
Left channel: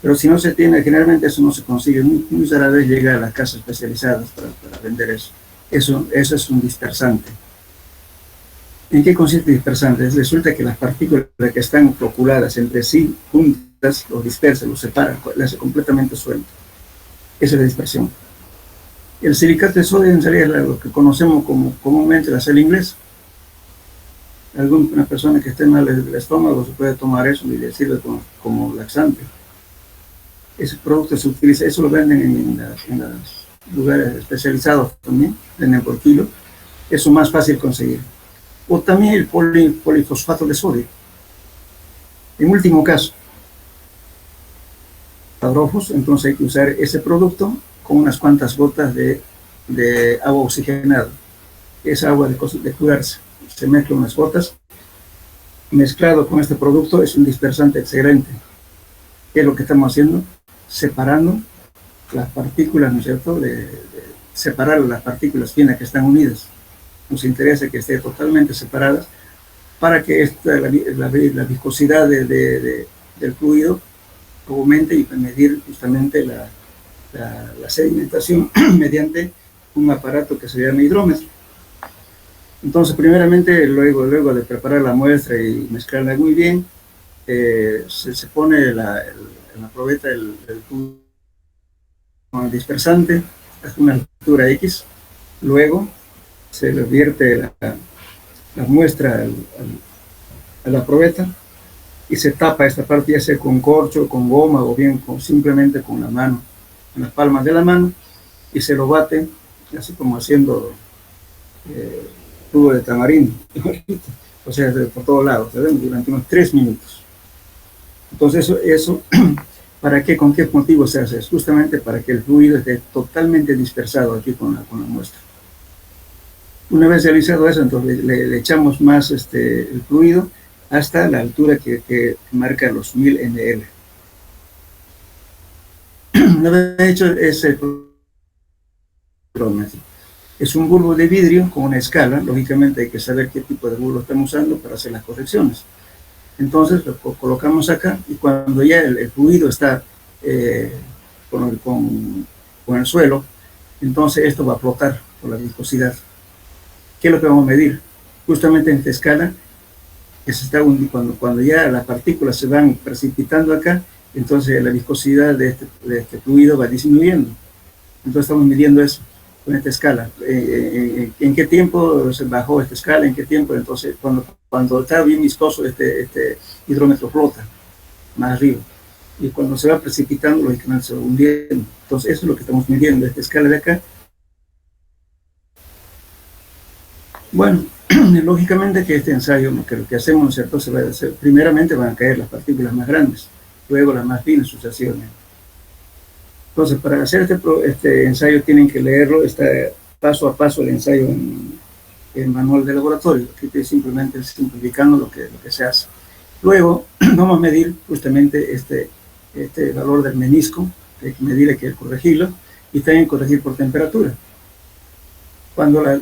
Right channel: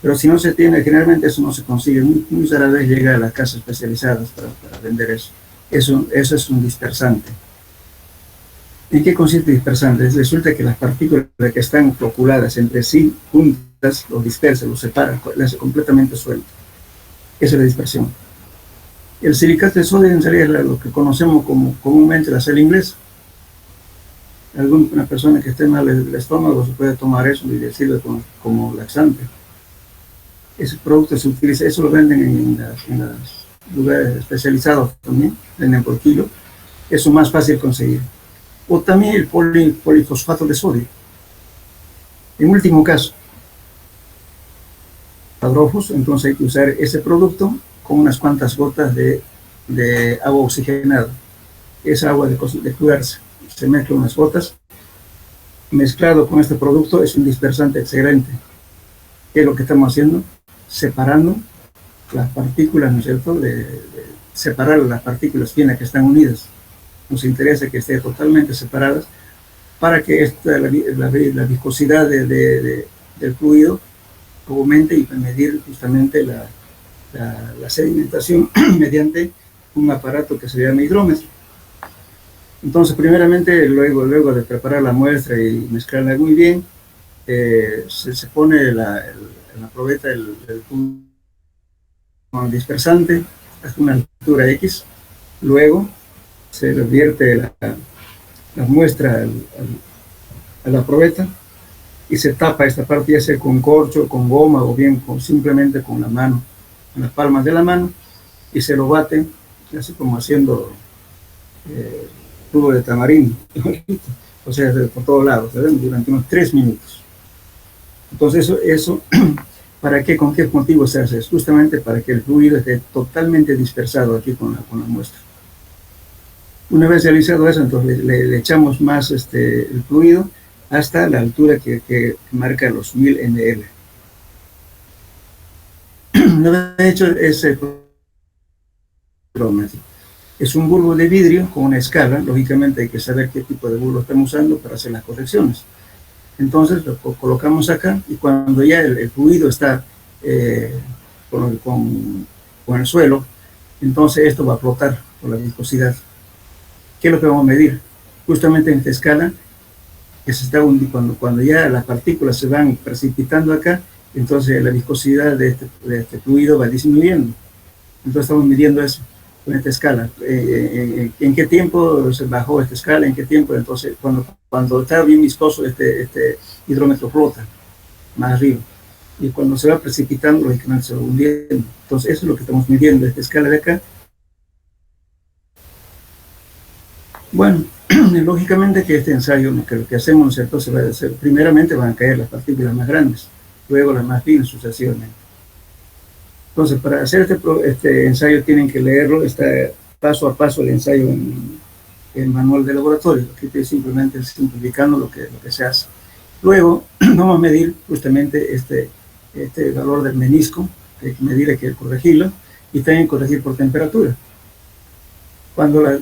Pero si no se tiene, generalmente eso no se consigue, muy rara vez llega a las casas especializadas para vender eso. Eso es un dispersante. ¿En qué consiste el dispersante? Resulta que las partículas que están floculadas entre sí, juntas, los dispersa, los separa, las hace completamente suelto. Esa es la dispersión. El silicato de sodio en realidad es lo que conocemos comúnmente la sal inglesa. Alguna persona que esté mal del estómago se puede tomar eso y le sirve como laxante. Ese producto se utiliza, eso lo venden en los lugares especializados también, venden por kilo. Eso es más fácil conseguir. O también el polifosfato de sodio. En último caso, cuadrofos, entonces hay que usar ese producto con unas cuantas gotas de agua oxigenada. Es agua de curarse. Se mezcla unas gotas, mezclado con este producto, es un dispersante excelente. ¿Qué es lo que estamos haciendo? Separando las partículas, ¿no es cierto? Separar las partículas finas que están unidas. Nos interesa que estén totalmente separadas para que la viscosidad del fluido aumente y medir justamente la sedimentación mediante un aparato que se llama hidrómetro. Entonces, primeramente, luego de preparar la muestra y mezclarla muy bien, se pone en la probeta el dispersante hasta una altura X. Luego se le vierte la muestra a la probeta y se tapa esta parte, ya sea con corcho, con goma o bien simplemente con la mano, con las palmas de la mano, y se lo bate así como haciendo jugo de tamarindo, o sea, por todos lados, ¿verdad? Durante unos 3 minutos. Entonces, eso ¿para qué? ¿Con qué motivo se hace? Es justamente para que el fluido esté totalmente dispersado aquí con la muestra. Una vez realizado eso, entonces le echamos más el fluido hasta la altura que marca los 1000 ml. Una vez hecho ese cronómetro, es un bulbo de vidrio con una escala. Lógicamente hay que saber qué tipo de bulbo estamos usando para hacer las correcciones. Entonces lo colocamos acá, y cuando ya el fluido está con el suelo, entonces esto va a flotar por la viscosidad. ¿Qué es lo que vamos a medir? Justamente en esta escala, que se está cuando ya las partículas se van precipitando acá, entonces la viscosidad de este fluido va disminuyendo. Entonces estamos midiendo eso con esta escala. ¿En qué tiempo se bajó esta escala? ¿En qué tiempo? Entonces, cuando está bien viscoso, este hidrómetro flota más arriba. Y cuando se va precipitando, lógicamente se va hundiendo. Entonces, eso es lo que estamos midiendo, esta escala de acá. Bueno, lógicamente que este ensayo, lo que hacemos, ¿no es cierto? Se va a hacer, primeramente van a caer las partículas más grandes, luego las más finas sucesivamente. Entonces, para hacer este ensayo tienen que leerlo, está paso a paso el ensayo en el manual de laboratorio, que estoy simplemente simplificando lo que se hace. Luego vamos a medir justamente este valor del menisco, que hay que medir, hay que corregirlo, y también corregir por temperatura. Cuando la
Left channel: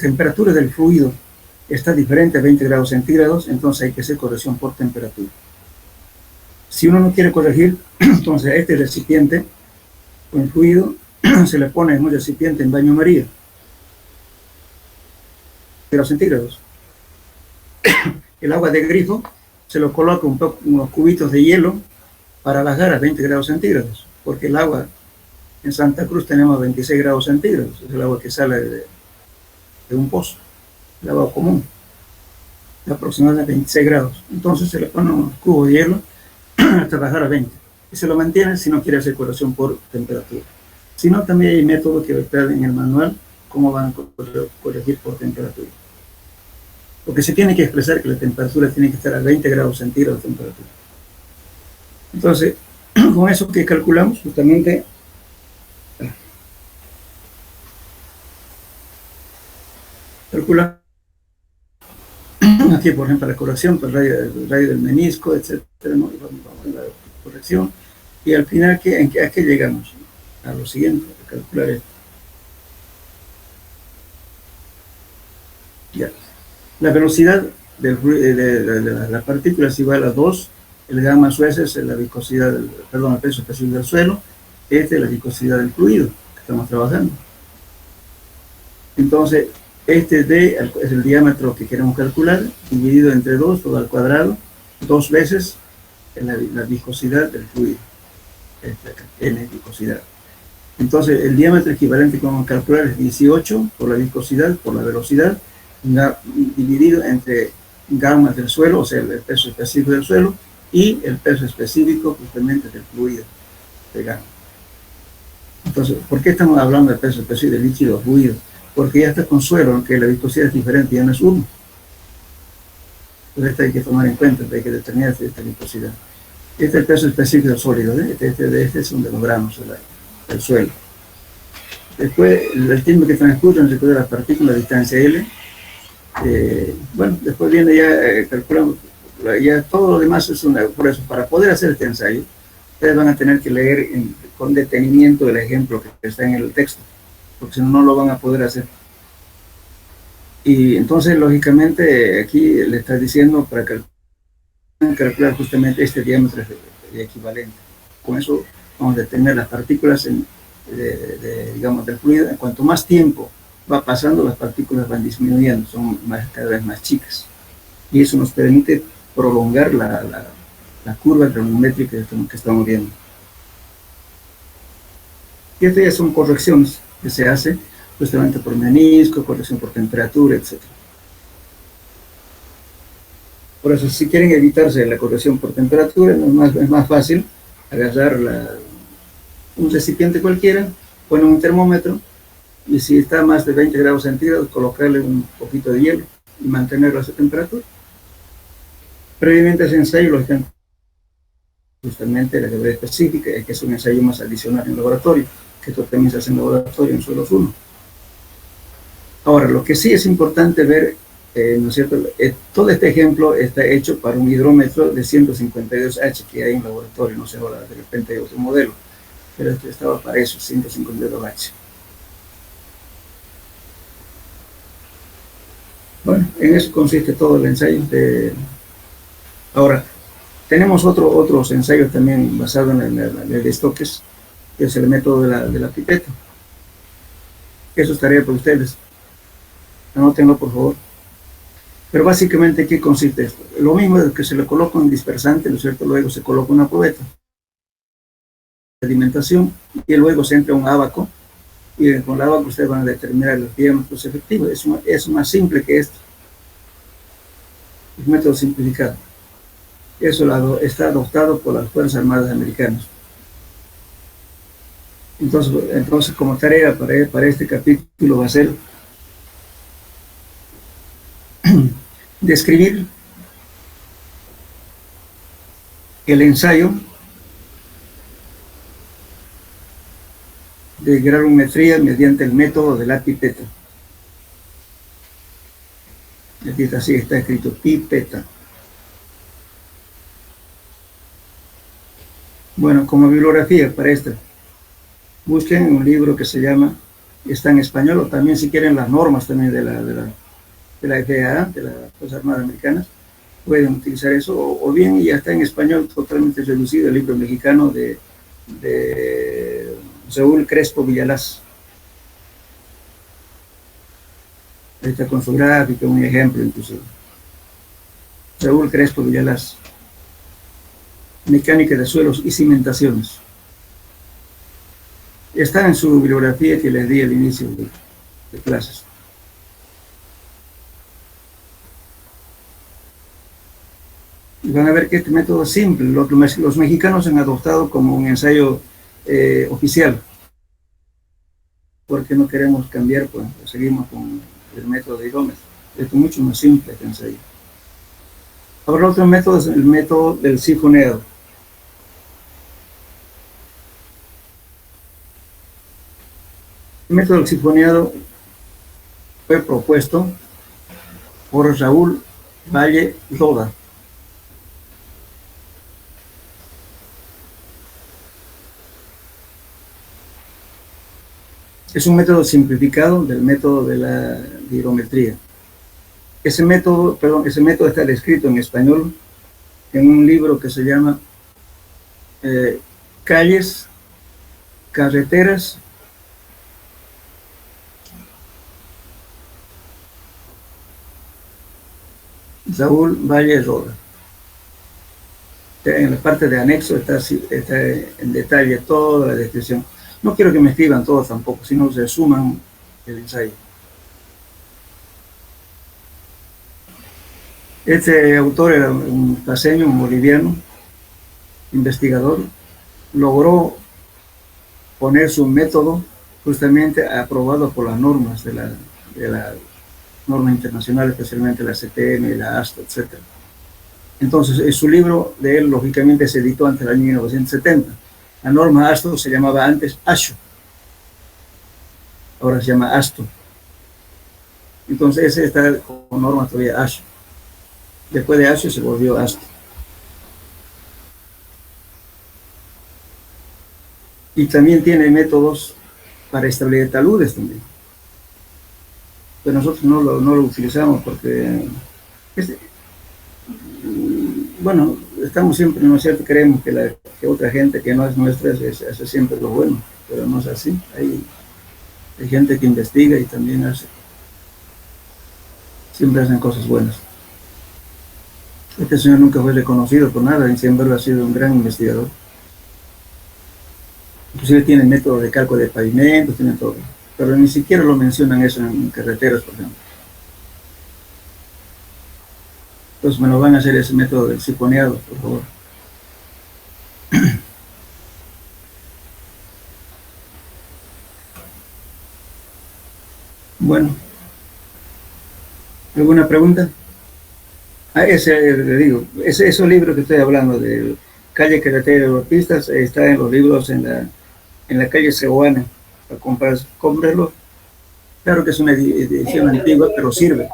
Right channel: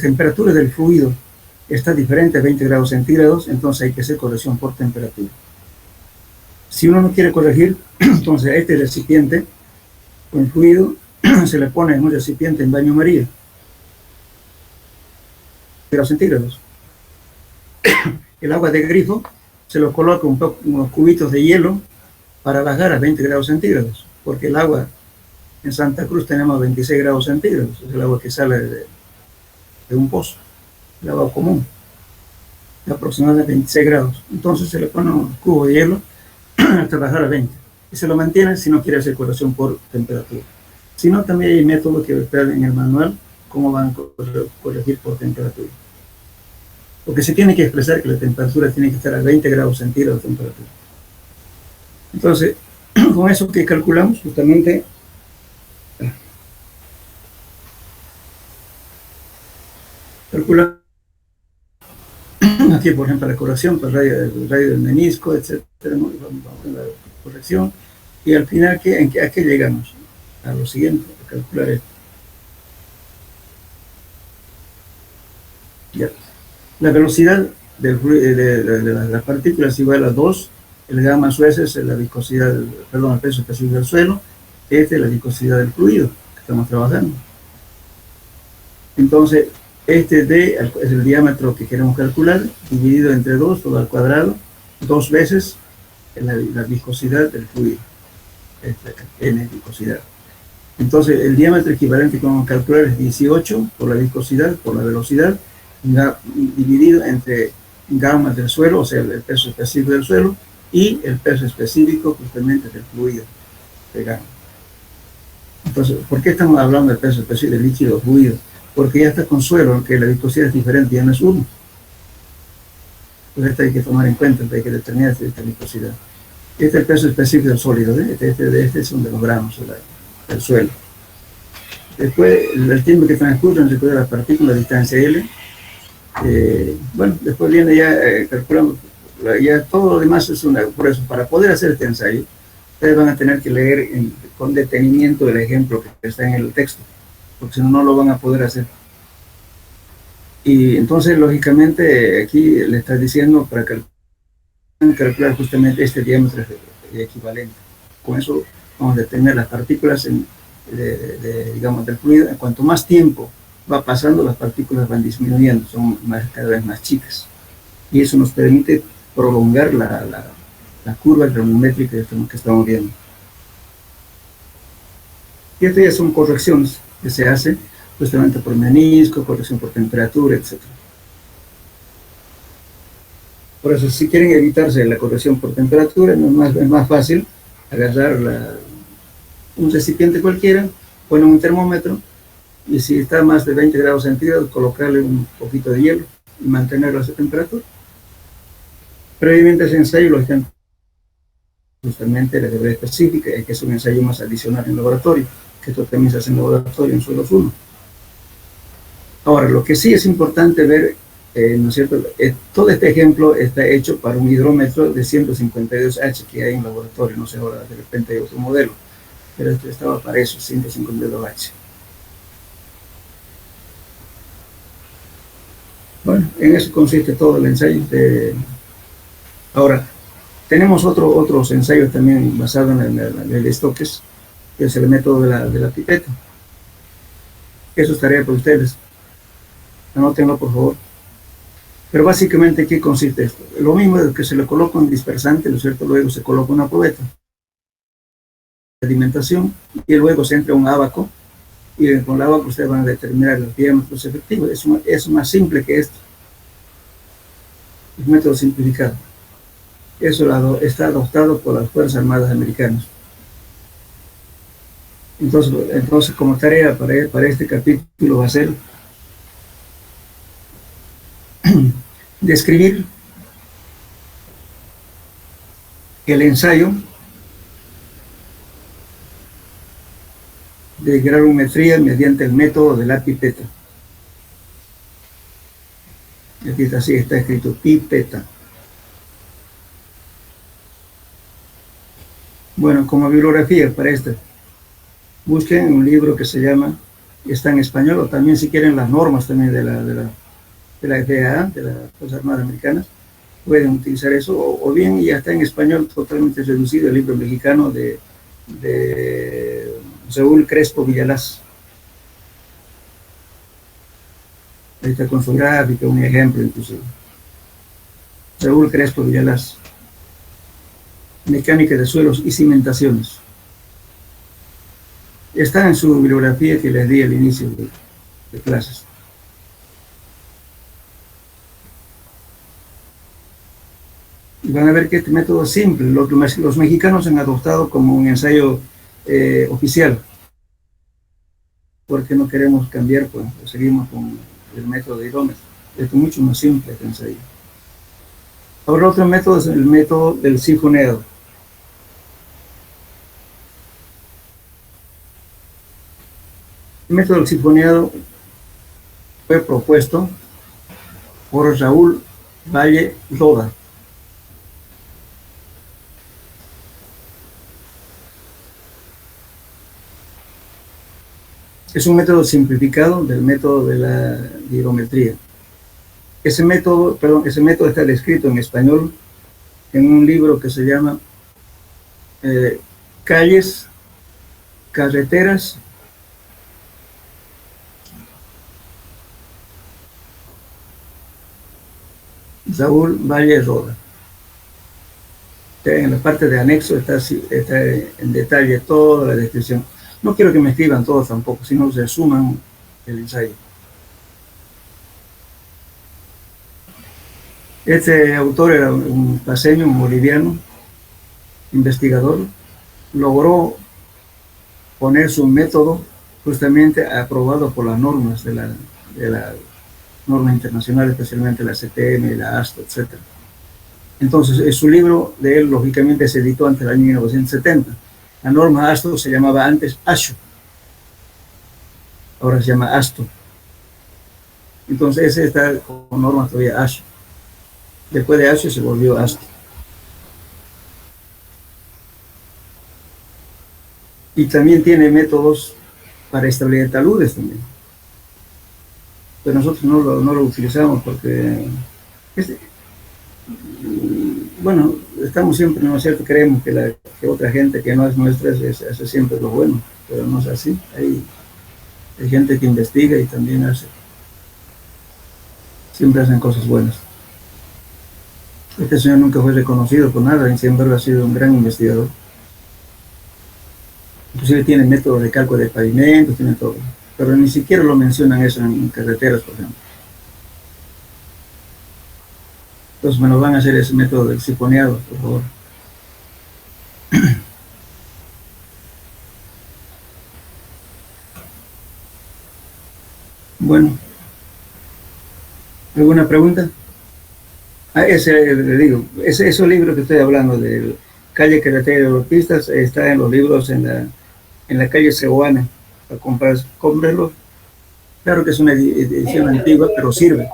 temperatura del fluido está diferente a 20 grados centígrados, entonces hay que hacer corrección por temperatura. Si uno no quiere corregir, entonces a este recipiente con el fluido se le pone en un recipiente en baño María, grados centígrados. El agua de grifo se lo coloca unos cubitos de hielo para bajar a 20 grados centígrados, porque el agua en Santa Cruz tenemos 26 grados centígrados, es el agua que sale de un pozo, el agua común, de aproximadamente 26 grados. Entonces se le pone unos cubos de hielo hasta bajar a 20. Y se lo mantiene si no quiere hacer corrección por temperatura. Si no, también hay métodos que está en el manual, cómo van a corregir por temperatura. Porque se tiene que expresar que la temperatura tiene que estar a 20 grados centígrados de temperatura. Entonces, con eso que calculamos, justamente, calculamos aquí, por ejemplo, la corrección por el radio del menisco, etcétera, ¿no? Vamos a la corrección, y al final, ¿a qué llegamos? A lo siguiente, a calcular esto. Ya. La velocidad de las partículas es igual a 2, el gamma su S es la viscosidad, el peso específico del suelo, este es la viscosidad del fluido que estamos trabajando. Entonces, este D es el diámetro que queremos calcular, dividido entre 2, todo al cuadrado, 2 veces la viscosidad del fluido, N viscosidad. Entonces, el diámetro equivalente que vamos a calcular es 18 por la viscosidad, por la velocidad, dividido entre gamma del suelo, o sea, el peso específico del suelo, y el peso específico justamente del fluido, de gamma. Entonces, ¿por qué estamos hablando del peso específico del líquido o fluido? Porque ya está con suelo, aunque la viscosidad es diferente, ya no es 1. Entonces, esto hay que tomar en cuenta, hay que determinar esta viscosidad. Este es el peso específico del sólido, ¿eh? Este es un de los gramos del suelo. Después, el tiempo que transcurre en recorrer las partículas a distancia L. Bueno, después viene ya, calculamos, ya todo lo demás es por eso, para poder hacer este ensayo, ustedes van a tener que leer con detenimiento el ejemplo que está en el texto, porque si no, no lo van a poder hacer. Y entonces, lógicamente, aquí le está diciendo para calcular justamente este diámetro equivalente. Con eso vamos a determinar las partículas digamos, del fluido. En cuanto más tiempo va pasando, las partículas van disminuyendo, son cada vez más chicas. Y eso nos permite prolongar la curva granulométrica que estamos viendo. Y estas ya son correcciones que se hacen justamente por menisco, corrección por temperatura, etc. Por eso, si quieren evitarse la corrección por temperatura, es más fácil agarrar un recipiente cualquiera, ponen un termómetro Y si está más de 20 grados centígrados, colocarle un poquito de hielo y mantenerlo a esa temperatura. Previamente a ese ensayo, lógicamente, justamente la gravedad específica, que es un ensayo más adicional en laboratorio, que esto también se hace en laboratorio en suelos 1. Ahora, lo que sí es importante ver, ¿no es cierto? Todo este ejemplo está hecho para un hidrómetro de 152H que hay en laboratorio, no sé, ahora de repente hay otro modelo, pero este estaba para eso, 152H. Bueno, en eso consiste todo el ensayo. Ahora, tenemos otros ensayos también basados en el Stokes, que es el método de la pipeta. Eso es tarea para ustedes. Anótenlo, por favor. Pero básicamente, ¿qué consiste esto? Lo mismo es que se le coloca un dispersante, ¿no es cierto? Luego se coloca una probeta de alimentación y luego se entra un ábaco y con el ábaco ustedes van a determinar los diámetros efectivos. Es más simple que esto. Es un método simplificado. Eso está adoptado por las Fuerzas Armadas Americanas. Entonces como tarea para este capítulo va a ser describir el ensayo de granulometría mediante el método de la pipeta. Aquí está, así está escrito, pipeta. Bueno, como bibliografía para esto, busquen un libro que se llama, está en español, o también si quieren las normas también de la FAA, de las Fuerzas Armadas Americanas, pueden utilizar eso, o bien ya está en español totalmente reducido, el libro mexicano de Saúl Crespo Villalaz. Ahí está con su gráfica, un ejemplo inclusive. Saúl Crespo Villalaz. Mecánica de suelos y cimentaciones. Está en su bibliografía que les di al inicio de clases. Y van a ver que este método es simple. Los mexicanos han adoptado como un ensayo oficial. Porque no queremos cambiar, pues seguimos con el método de hidrómetro. Es mucho más simple este ensayo. Ahora otro método es el método del sifoneado. El método del sifoneado fue propuesto por Raúl Valle Roda. Es un método simplificado del método de la hidrometría. Ese método está descrito en español en un libro que se llama Calles, Carreteras Saúl Valle Roda. En la parte de anexo está en detalle toda la descripción. No quiero que me escriban todos tampoco, sino se suman el ensayo. Este autor era un paceño, un boliviano, investigador, logró poner su método justamente aprobado por las normas de la norma internacional, especialmente la CTM, la ASTO, etc. Entonces, su libro de él, lógicamente, se editó antes del año 1970. La norma ASTO se llamaba antes ASHO. Ahora se llama ASTO. Entonces, ese está con norma todavía ASHO. Después de ASHO se volvió ASTO. Y también tiene métodos para establecer taludes también. Pero nosotros no lo utilizamos porque, bueno, estamos siempre, ¿no es cierto? Creemos que otra gente que no es nuestra hace siempre lo bueno, pero no es así. Hay gente que investiga y también siempre hacen cosas buenas. Este señor nunca fue reconocido por nada, y sin embargo ha sido un gran investigador. Inclusive tiene métodos de cálculo de pavimentos, tiene todo. Pero ni siquiera lo mencionan eso en carreteras, por ejemplo. Entonces me lo van a hacer ese método del sifoneado, por favor. Bueno, ¿alguna pregunta? Ese, le digo, esos libros que estoy hablando de Calle, Carretera y Autopistas están en los libros en la calle Cebuana. Para comprarlos. Claro que es una edición antigua, pero sirve.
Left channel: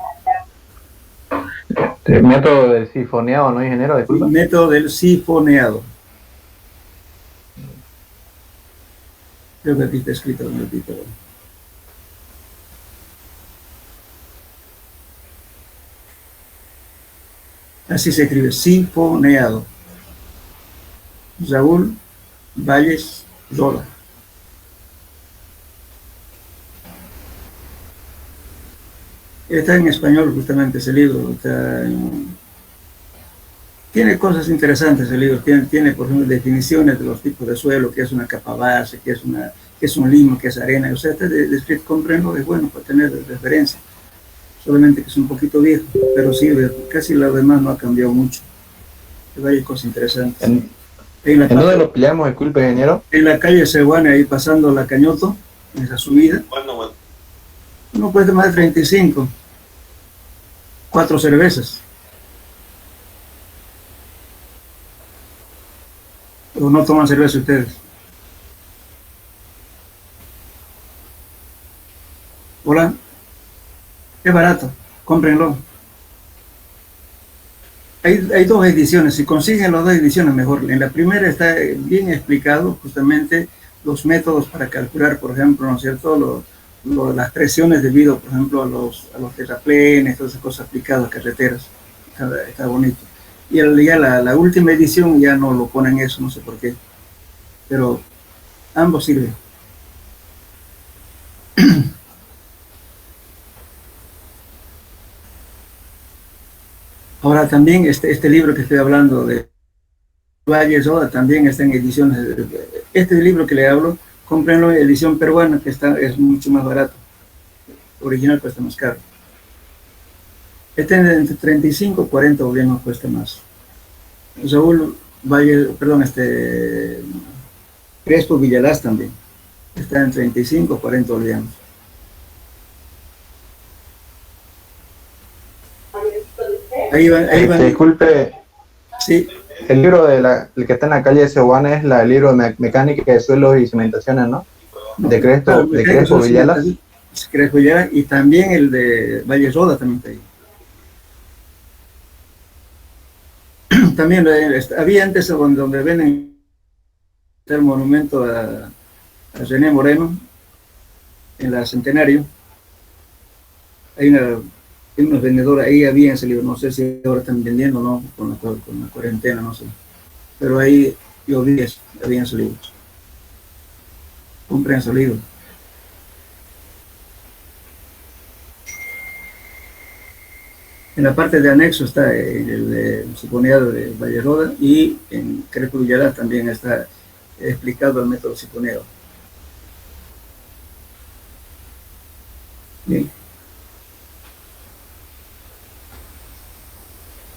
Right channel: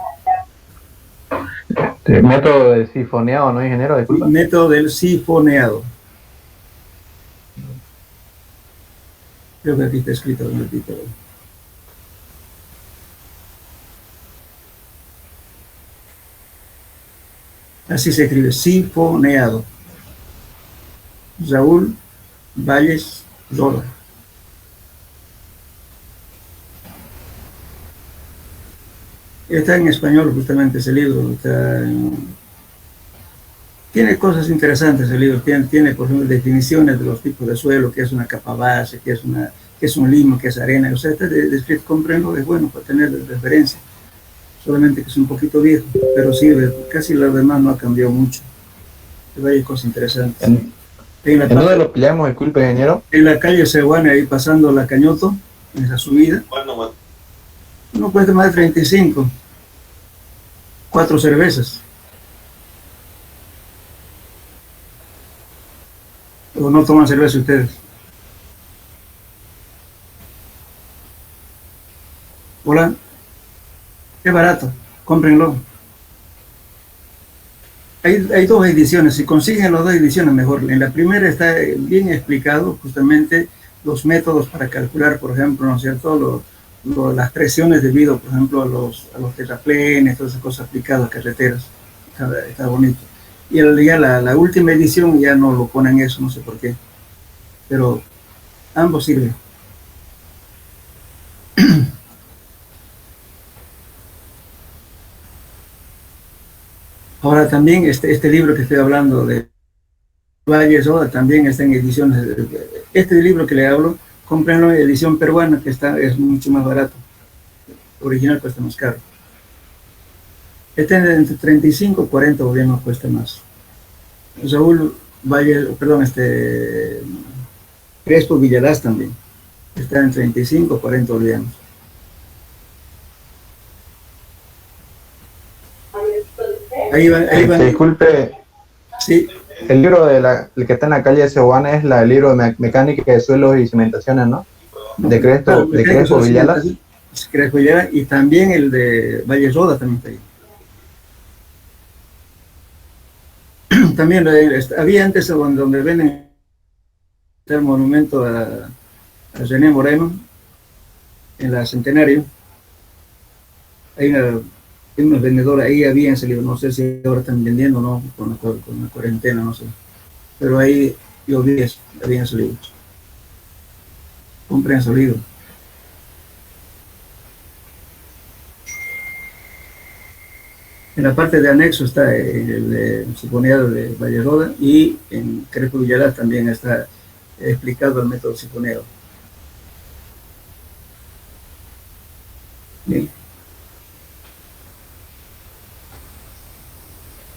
El método del sifoneado, ¿no, ingeniero? Disculpa. Método del sifoneado. Creo que aquí está escrito en el título. Así se escribe, sifoneado. Raúl Valles Roda. Está en español justamente ese libro. Tiene cosas interesantes el libro. Tiene, por ejemplo, definiciones de los tipos de suelo, qué es una capa base, qué es un limo, qué es arena. O sea, está descrito, comprendo, es bueno para tener referencia. Solamente que es un poquito viejo, pero sirve. Casi lo demás no ha cambiado mucho. Hay varias cosas interesantes. ¿En dónde lo pillamos, disculpe, ingeniero? En la calle Cebuana, ahí pasando la Cañoto, en esa subida. Bueno. No cuesta más de 35. 4 cervezas. ¿O no toman cerveza ustedes? Hola. Es barato, cómprenlo. Hay 2 ediciones, si consiguen las 2 ediciones mejor. En la primera está bien explicado justamente los métodos para calcular, por ejemplo, ¿no es cierto?, las presiones debido, por ejemplo, a los terraplenes, todas esas cosas aplicadas a carreteras. Está bonito. Y ya la última edición ya no lo ponen eso, no sé por qué. Pero ambos sirven. Ahora también este libro que estoy hablando de Valles Roda también está en ediciones. Este libro que le hablo, cómprenlo en edición peruana, que es mucho más barato. Original cuesta más caro. Este entre 35 y 40 bolivianos cuesta más. Raúl Valle, perdón, Crespo Villalaz también. Está en 35 o 40 bolivianos. Ahí van. Disculpe, Sí, el libro el que está en la calle Cebuana es el libro de mecánica de suelos y cimentaciones, ¿no? De Crespo Villalaz. Crespo Villalaz, y también el de Valle Roda también está ahí. También había antes donde ven el monumento a René Moreno, en la Centenario. Hay unos vendedores, ahí había ese libro, no sé si ahora están vendiendo o no, con la cuarentena, no sé. Pero ahí yo vi eso, había esos libros. Compren esos libros. En la parte de anexo está el de sifoneado de Valle Roda, y en Crespo Villalaz también está explicado el método sifoneado. Bien.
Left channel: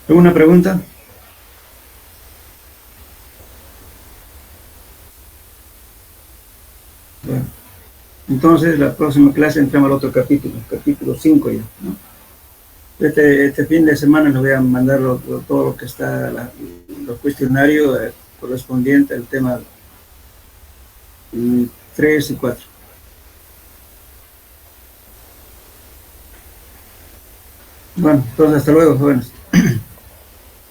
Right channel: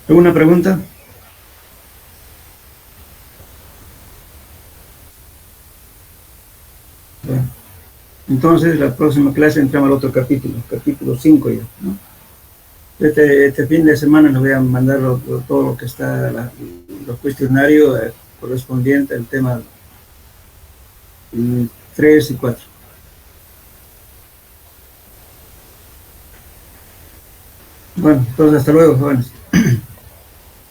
¿Alguna pregunta? Bueno, entonces la próxima clase entramos al otro capítulo 5 ya, ¿no? Este fin de semana les voy a mandar todo lo que está, los cuestionarios correspondientes al tema 3 y 4. Bueno, entonces hasta luego, jóvenes.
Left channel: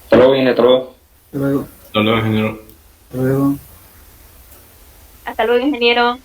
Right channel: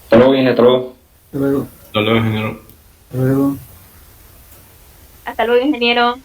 Hasta luego, bien, hasta luego. Hasta luego. Hasta luego, ingeniero. Hasta luego. Hasta luego, ingeniero.